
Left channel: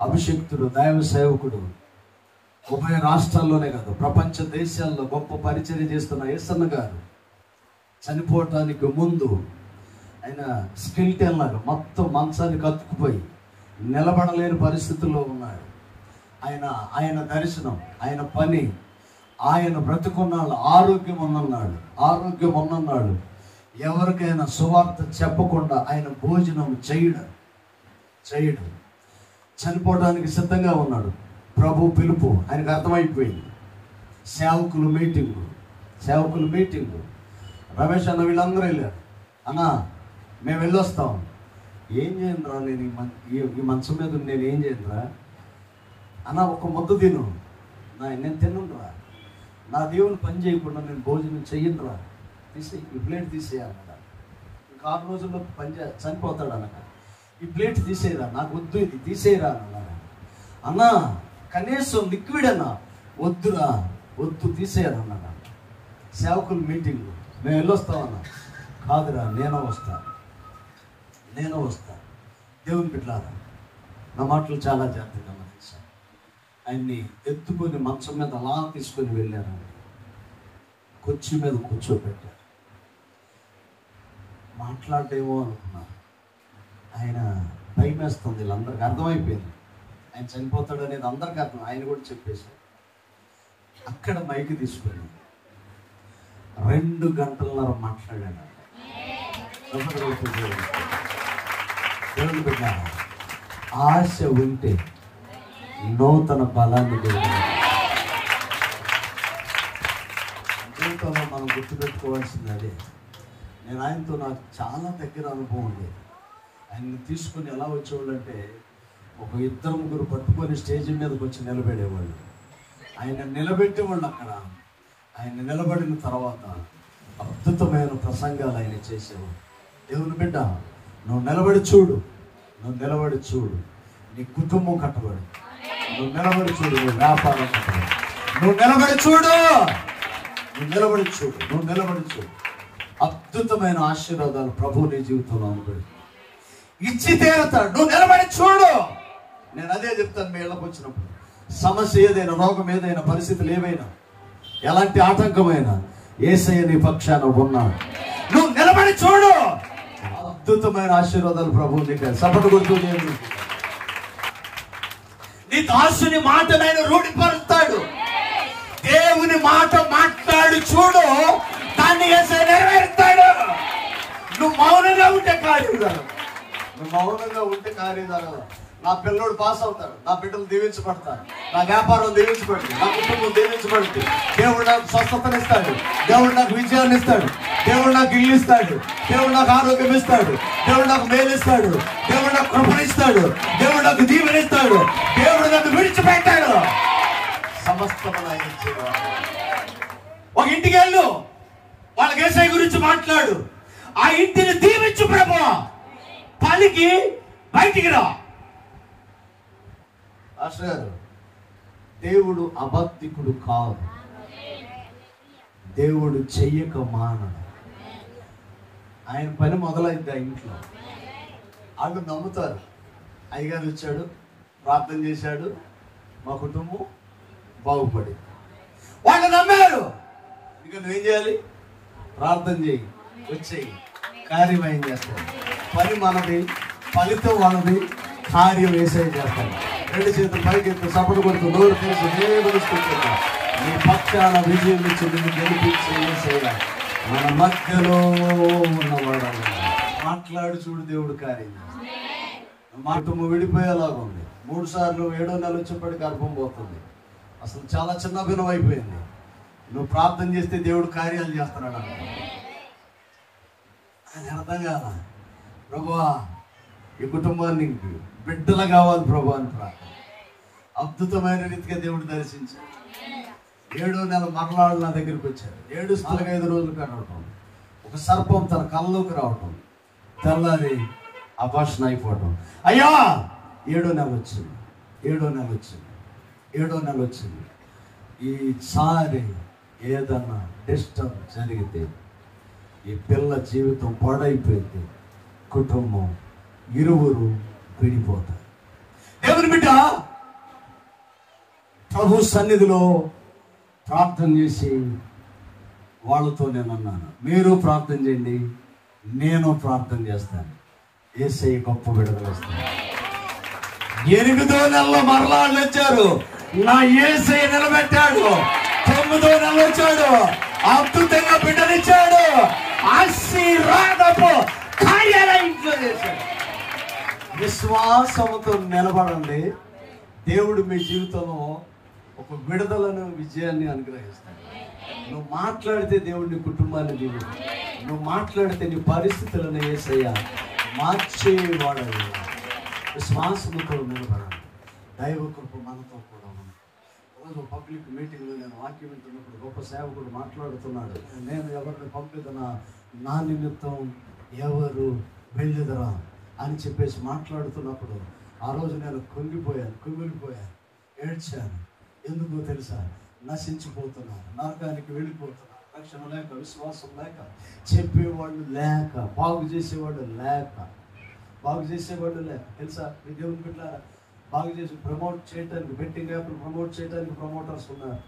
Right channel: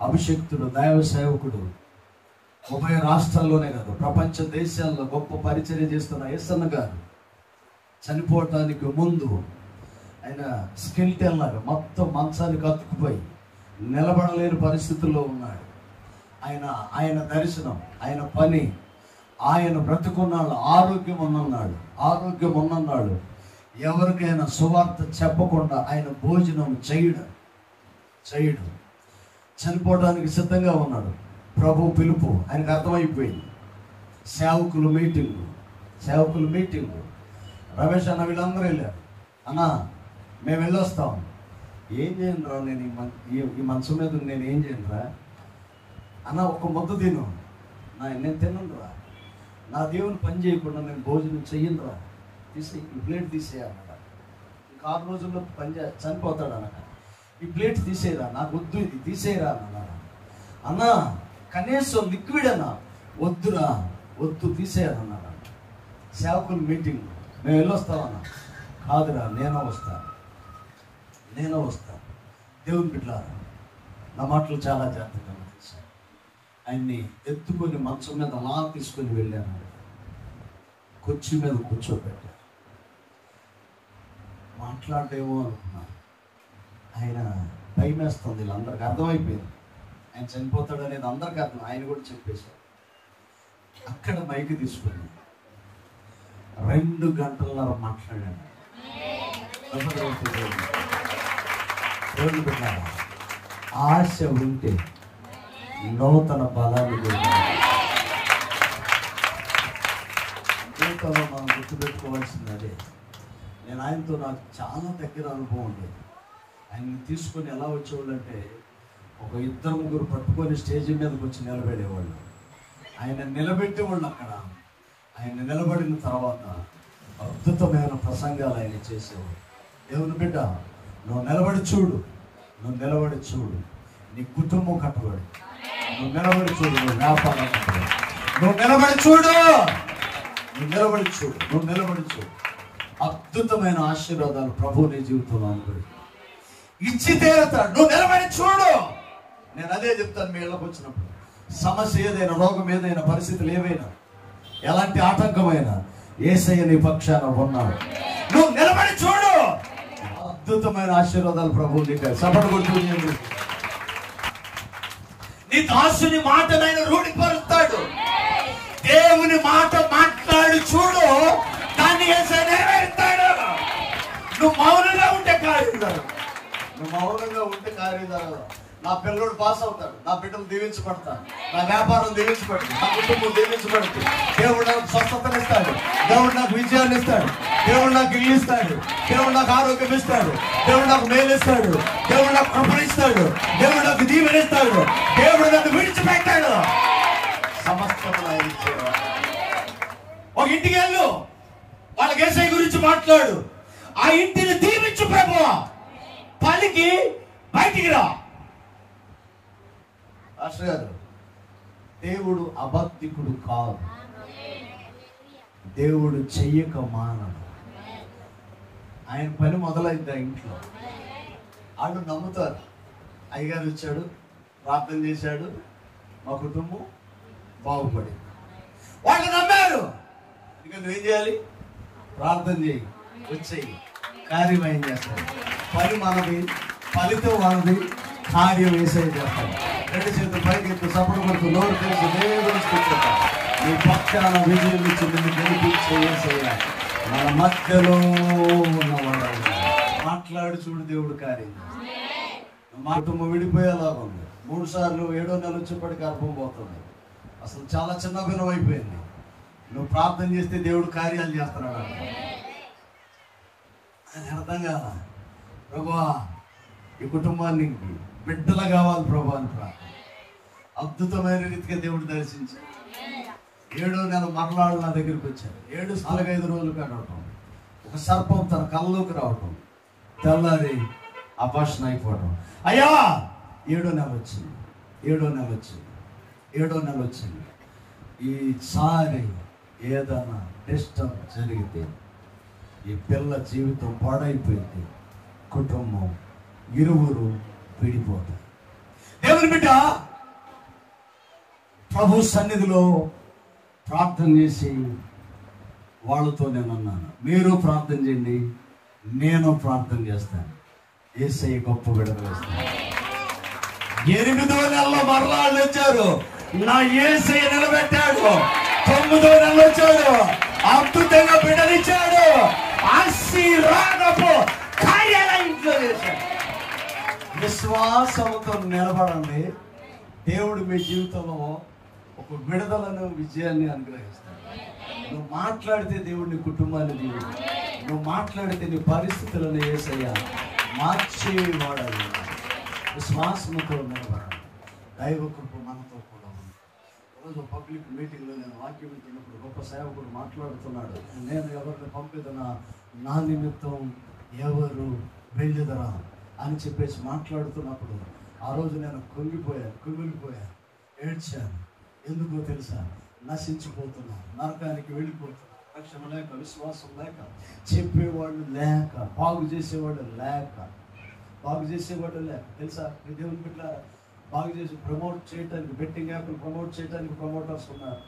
అభిషక్తుడు దైవ సేవకుడు ఉభయ రాష్ట్రాల్లోనే కాదు, ప్రపంచ దేశాల్లో గొప్ప పరిచర్య చేస్తున్న యేసన్న గారు చనిపోవటానికి ముందు ఆయన స్కెల్టన్ లాగా మొత్తం మంచానికి అతుక్కుపోయి నిలబడలేని పరిస్థితుల్లో ఉన్నాడు. ఆయన దర్శనం, ఆయన పని, ఆయన బ్రతుకున్నాడు, ఆరోగ్యం ఉన్నన్నాడు. ఎవరికైనా సువార్త చెప్పకుండా ఆయన భోజనం చేయడు. చనిపోవడానికి సిద్ధంగా ఉన్నాడు. ప్రభు పిలుపు ఆయనకు అర్థమైపోయింది. సేవకులు మీటింగు రమేష్ అన్న వీళ్ళందరూ వెళ్ళారు. అన్నా మేము వెళ్ళొస్తాం. ఏం చేయను రా, నేను ఈ మంచం మీద నేను ఏం చేయను రా అన్న, ఒక ముద్ద తిను. నేను తినను రా, నా దేవుని పని చేయకుండా నేను భోజనం చెయ్యను రా, ఈ ప్లేట్ తీసేయాలి. ఇంకా 6 రోజుల్లో చనిపోతాడు అన్న, ఈ ప్లేట్ తీసేయరా, నాకు వద్దు, ఇది తీసేయరా అన్నా. కనీసం లిక్విడ్ అన్నా వద్దు తీసేయరా అన్న. సేవకులు మీటింగ్ మేము వెళ్ళొస్తామన్నా. కాదురా, నేనే వస్తాను. దేవుని బిడ్డలారా, నా మాటలు చాలా జాగ్రత్తగా తీశాను. ఆయన్ని ఎత్తుకొని మంచం మీద అలా తీసుకొని వెళ్ళాను. కుర్చీ మీద కూర్చోబెట్టారు. మాట్లాడేమో అనుకున్నాను. ఆయన భయం వేస్తుంది. వీళ్ళందరికీ అర్థమైపోయింది ఆయన చనిపోతాడు అనేది. అందరికీ అర్థం. ఆయన కూడా చెప్పేశారు. అక్కడ మైకి తీసుకుని 2 గంటలన్నర మాట్లాడాను. ఆశ ఉంటే నూతన బలాన్ని జీవితంలో మనం గుర్తుపెట్టుకోవాల్సింది అదే. నేను ఆయనతో నాకు చాలా దగ్గర అనుభవం ఉంది. ఆయన్ని తీసుకొని ఎలా వచ్చేవాళ్ళు అంటే, ఒక 2-3 పట్టుకొని స్టేజీ మీదకి వచ్చి నిలబడేవాళ్ళు. ఆయన నిలబెట్టేవాళ్ళు. అక్కడ ఆయన నిలబడిన తర్వాత అద్భుతమైన ప్రసంగాలు ఆయన చేసేవాడు. దేవుని బిడ్డ, నువ్వు నిలబడి చూడు, నువ్వు నిలబడి చూడు, నీ కుటుంబం కట్టబడి. నువ్వు నిలబడి చూడు, నీ వ్యాపారం కట్టబడి. నువ్వు నిలబడి చూడు, నువ్వు నిలబడి చూడు, నువ్వు నిలబడి చూడు. అద్భుతమైన ఆశీర్వాదాలు ప్రభు నీ జీవితంలో అనుకోడు ఇచ్చి తీరుతాడు. నువ్వు నిలబడి చూడు. నేను అదే చెప్తాను మీ ఇళ్ళకి వచ్చినప్పుడు. సమస్య ఏదైనా, రోగం ఏదైనా, పరిస్థితులు ఏవైనా, ఎలాంటి ఆటంకమైనా యేసయ్య నీ పక్షాన ఉన్నాడు. నువ్వు నిలబడి చూడు, అద్భుతమైన ఆశీర్వాదాలు ప్రభువు నీకు సపోర్ట్ కొడుతుంది. నీ దాసుని మాటనైనా రూఢిపరుస్తాడు. దేవుని మాట మాట్లాడి చూడు, దాన్ని యేసయ్య నెరవేరుస్తాడు. నువ్వు మౌనంగా ఉంటే కార్యం, నువ్వు మౌనంగా ఉంటే కార్యం. నా పిల్లడు పాస్ అవుతాడు, నా బిడ్డలు దీవించబడతారు, నా వ్యాపారం దీవించబడుతుంది, నా కుటుంబం దీవించబడుతుంది. దేవుడు నాకు స్వస్థతనిస్తాడు, దేవుడు నాకు విజయాన్ని ఇస్తాడు, దేవుడు నాకు ఇల్లు ఇస్తాడు, దేవుడు నాకు ఆరోగ్యం ఇస్తాడు, దేవుడు నాకు మేలు ఇస్తాడు, దేవుడు నాకు కృపణిస్తాడు, దేవుడు నాకు దీవెనిస్తాడు, దేవుడు నాకు విడిచిపెట్టాడు. సమస్తమైన ఒక ఇంటికి వెళ్ళు, వాళ్ళకి యేసయ్య గురించి మాట్లాడు, ఆ ఇంటిని దీవించు ప్రభువా, పలికి బయటికి రా. గారు దేవుడు అబద్ధికుడు కాదు, దేవుడు చెయ్యక మానవు. ఆయన పని మొదలైంది ఆ ఇంట్లో. వాళ్ళు నమ్ముతారు, అయ్యగారు వచ్చాడు, ప్రార్థన చేశాడు, మా కుటుంబం బాగుపడి. వాళ్ళు నమ్మారు. ఇక నువ్వేం చేయాలి? ప్రార్థన చేయి, వచ్చేయి, కార్యం ఏం చేస్తాడు. పని మనది, ఫలితం మనది, కార్యం వేసే చేస్తాడు. రెండు చేతులు పైకెత్తి సపోర్ట్ కొడుతూ నోరు తెలిసి దేవుని స్తుతించుకుంటా. నీ పక్షాన విజయం ఇచ్చి నిన్ను గెలిపించేసేలా నా మధ్యలో ఉన్నవాడు మాట్లాడి చూడు, దేవుడు కార్యం. మా కుటుంబం విడిపోయేలాగా ఉంది. 3 సార్లు 7వ నెల వచ్చేప్పటికి గర్భం పోతుంది. అసలు చాలా చిన్న భిన్నం అయిపోయింది. నువ్వు ప్రార్థన చేస్తే దేవుడు కార్యాలు చేస్తున్నాడు. ఆయన అర్థం కాదా? ప్రభువా, ఈ కుటుంబానికి బిడ్డలు కావాలి ప్రభు అని ప్రార్థన. అద్భుతమైన రీతిగా దేవుడు దర్శించి 7వ నెల మరణాలు నా దగ్గరికి వచ్చారు. 7 రోజులు కనవటం, ఒక సర్పం తన కళ్ళలోకి రావటం, తెల్లారి అపార్షన్ అయిపోవటం. అయ్యా 7వ నెల వచ్చింది, 7వ నెల వచ్చింది, 7వ నెల వచ్చింది. ఈసారి ఏదన్నా డిస్టర్బ్ జరిగితే ఈ పిల్ల జీవితం పాడైపోయింది, కుటుంబం ఇరువురు విడిపోతారు. దేవుని బిడ్డ ప్రభు సన్నిధిలో ప్రార్థన చేసి వాళ్ళతో నేను అన్నాను, మీరు ప్రార్థన చేయండి, నేను ప్రార్థన చేస్తాను, యేసయ్య గొప్ప విడుదల ఇస్తాను. 8వ నెలలో మరలాళ్ళు వచ్చారు, నా యేసయ్య నిలబెట్టాడు. 9వ నెల వచ్చాడు, అద్భుతంగా బిడ్డలిచ్చాడు, ఆశీర్వాదపు కార్యాలు ఇంట్లో చేశాడు. విశ్వాసంతో నిలబడండి, దేవుడు మీ జీవితంలో ఒక విడుదలను, విజయాన్ని అనుగ్రహిస్తాడు. నువ్వు మాట్లాడితే దేవుడు నీ కుటుంబాన్ని దీవిస్తాడు. నువ్వు మాట్లాడితే నీ పరిస్థితులను యేసయ్య మార్చేవాడు. విశ్వాసంతో నిలబడాలి. దైవ కృప మనతో కూడా ఉంది. రోజు పబ్లిక్ మీటింగ్లో నేను వాక్యం వింటున్నప్పుడు గొప్ప సేవకుడు మాట్లాడుతున్నాడు. నేను ఎవరిని పంపిదనా, నా నిమిత్తం ఎవరు వెళ్ళుదరా అని చెప్పేసి మాట్లాడుతున్నప్పుడు ఆ రోజు నేను కుమిలిపోయాను, ఏడ్చాను. ఎందుకో తెలుసా? నశించిపోతున్నాను, నరకానికి వెళ్ళిపోతున్నాను, రక్షణ లేక, విశ్వాసం లేక, చెప్పేవాళ్ళు లేక, బాగు చేసేవాళ్ళు లేక తెలుసా? దేవుని బిడ్డ బాగు చేసి ప్రమోట్ చేయడానికి, బెట్టింగ్ యాప్లు ప్రమోట్ చేయడానికి ప్రమోటర్స్ ఉన్నారు.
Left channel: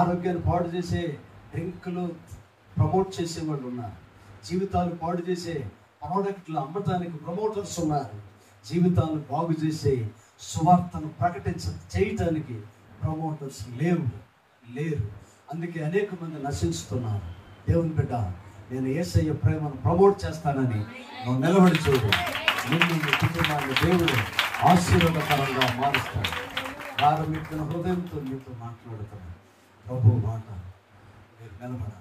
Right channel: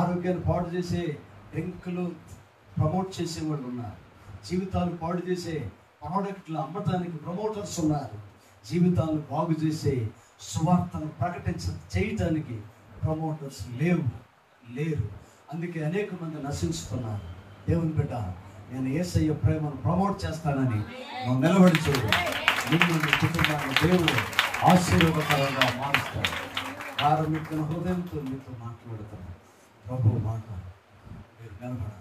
ఆరోగ్యాన్ని పాడు చేసే డ్రింకులు ప్రమోట్ చేసేవాళ్ళు ఉన్నారు. జీవితాలు పాడు చేసే ప్రోడక్ట్లు అమ్మటానికి ప్రమోటర్స్ ఉన్నారు. జీవితాలను బాగు చేసే సువార్తను చేయటానికి ప్రమోటర్స్ లేరు. అందుకే అనేక మంది నశించుతున్నారు. దేవుని బిడ్డ, నేను యేసయ్య ప్రేమను ప్రమోట్ చేస్తానని నువ్వు నిలబడి చూడు. మిమ్మల్ని కుటుంబాన్ని దేవుడు ఆశీర్వాదకరంగా మారుస్తాడు. ప్రారంభించిన హృదయంతో మీతో మాట్లాడుతున్నాను. ప్రభు మాట మీరు నిలబడాలి.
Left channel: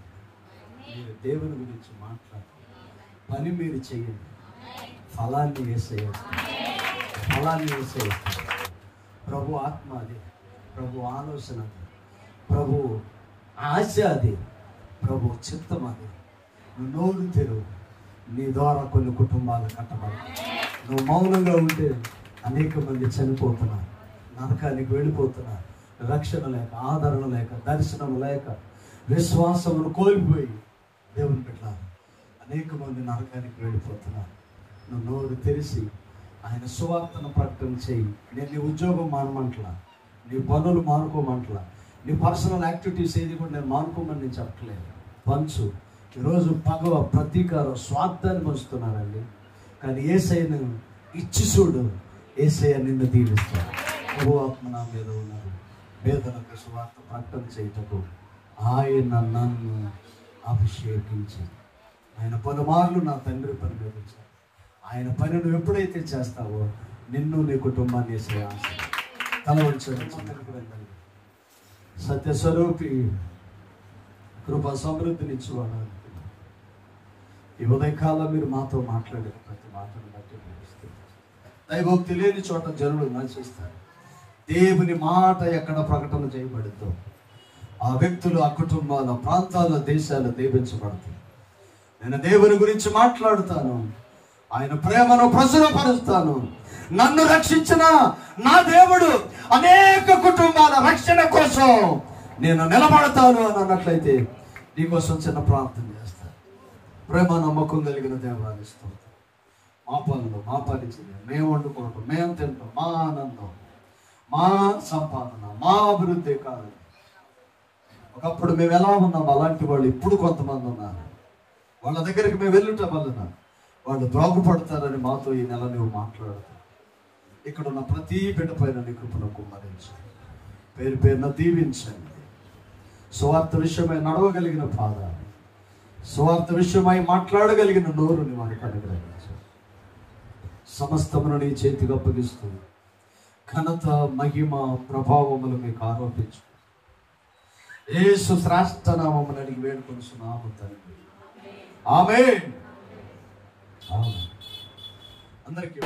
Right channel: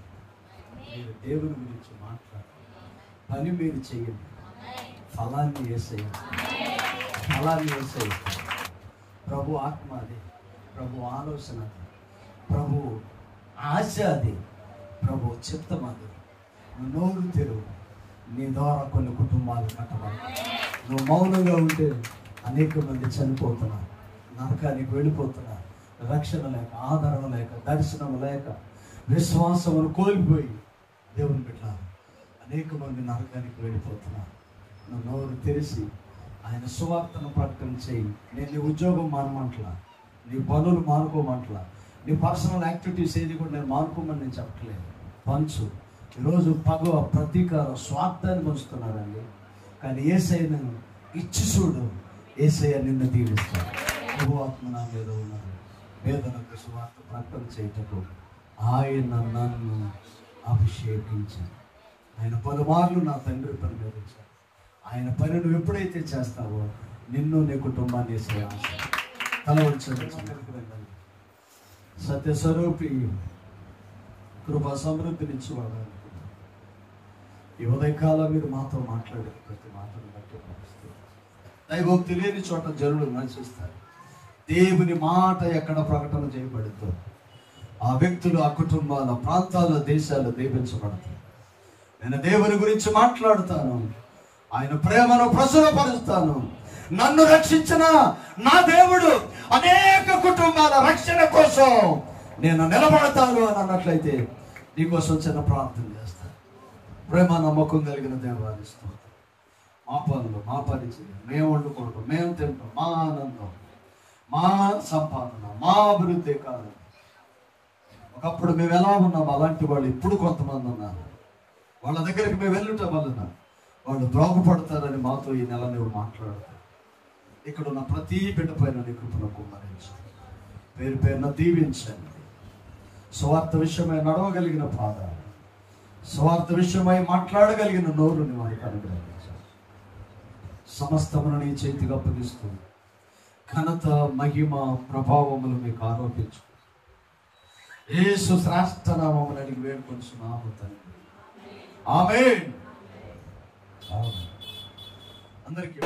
మీరు దేవుని గురించి మాట్లాడాలి. పని మీరు చేయండి, ఫలాన్ని యేసయ్య ప్రభు ఆత్మ అది, ప్రభు ఆలోచన అది, ప్రభు ఆశ అది, ప్రభు చిత్తం అది. నోరు తెరువు, నీ ద్వారా కొన్ని కుటుంబాలు కట్టబడతాయి. నువ్వు మౌనంగా ఉంటే అనేక మంది చనిపోతున్నారు, నరకానికి వెళ్ళిపోతున్నారు. రక్షణ లేక, ఆదరణ లేక, దర్శనం లేక, విశ్వాసమును కోల్పోయి దేవుని బిడ్డలారా అనేక మంది నరకానికి వెళ్ళిపోతున్నారు. నువ్వు నోరు తెరిచి ఆయన సువార్తను ప్రకటన చేయి. నేను నీ ఉద్యోగం మానమంటలా, నీ పనులు మానుకోమంటలా, నీ పర్సనల్ యాక్టివిటీస్ ఏది కూడా నేను మానుకోమని నేను చెప్పట్లేదు. పంచు. ఈరోజు పగవ, ప్రతీకారం, స్వార్థాన్ని పంచుతున్నారండి. కానీ యేసయ్యను ఇచ్చి చూడు, యేసయ్య నిన్ను దీవిస్తాడు. ప్రభువాత్మ నా మీద ఉన్నారు. వేదనకు సువార్త ప్రకటన చేయటకు ఆయన నన్ను అభిషేకించి, ఆయన పలుమార్లు నా తండ్రి పని మీద వచ్చాడు. ఆయన పని నువ్వు ఎప్పుడైతే చేస్తావో నిన్ను, నీ కుటుంబాన్ని వేసే ఆశ. తల ఉంచారు. సత్యస్వరూపి కృపా సమృద్ధినిచ్చేవాడు. ఈ ఉదయకాలం మీరు మాతో మాట్లాడే ప్రతి మాటను బట్టి దైవోక్తి లేని చోట జనులు నశిస్తారు. దేవుని మాట ఎక్కడ ప్రకటన చేయబడుతుందో ఆ వ్యక్తులు, ఆ కుటుంబాల, ప్రాంతాల, దేశాలు దీవించబడతాయి. నేను దేవుని గురించి మాట్లాడుతాను, ఆయన ప్రేమను ప్రచురపరుస్తాను. నన్ను రక్షించిన నా దేవుడు అనేక కుటుంబాల రక్షణ కోసం నేను నిలబడతాను అని అన్నట్లయితే నీకోసం చిన్న ప్రార్థన చేస్తాను. ప్రేమ నమ్మకం కలిగిన దేవాన్ని స్తోత్రం. మా పనులు, మా పరిచయం, మేము వండుకోవటం, మేము తింటాం, మా ఆనందం, మా సంపాదన, మా అభివృద్ధి కాదు. ఒకప్పుడు మేము ఎలా ఉన్నాం అలాంటి వాళ్ళు ఇప్పుడు కొంతమంది ఉన్నారు. వాళ్ళ దగ్గరికి మేము వెళ్ళుట వలన వాళ్ళు బాగుపడతారని మాతో ఈ నెల నువ్వు మాట్లాడతావు. ఇక్కడ ఉన్న ప్రతి బిడ్డ పైన నీ కృపను కుమ్మరించు. పేరు పేరున దీవించండి. స్వార్థ విషయమై నడవగలిగిన పాదాలు, స్వార్థ విషయమై మాట్లాడగలిగిన నోరుని వారికి అనుగ్రహించు. సమస్తమును నీ చేతికి అప్పగిస్తూ ఘనత, మహిమ, ప్రభావములు మీకు ఆరోపించు. యేసు శ్రేష్ఠ నామమున అడిగి వేడుకొంచున్నాము తండ్రి. ఆమేన్. అందరికీ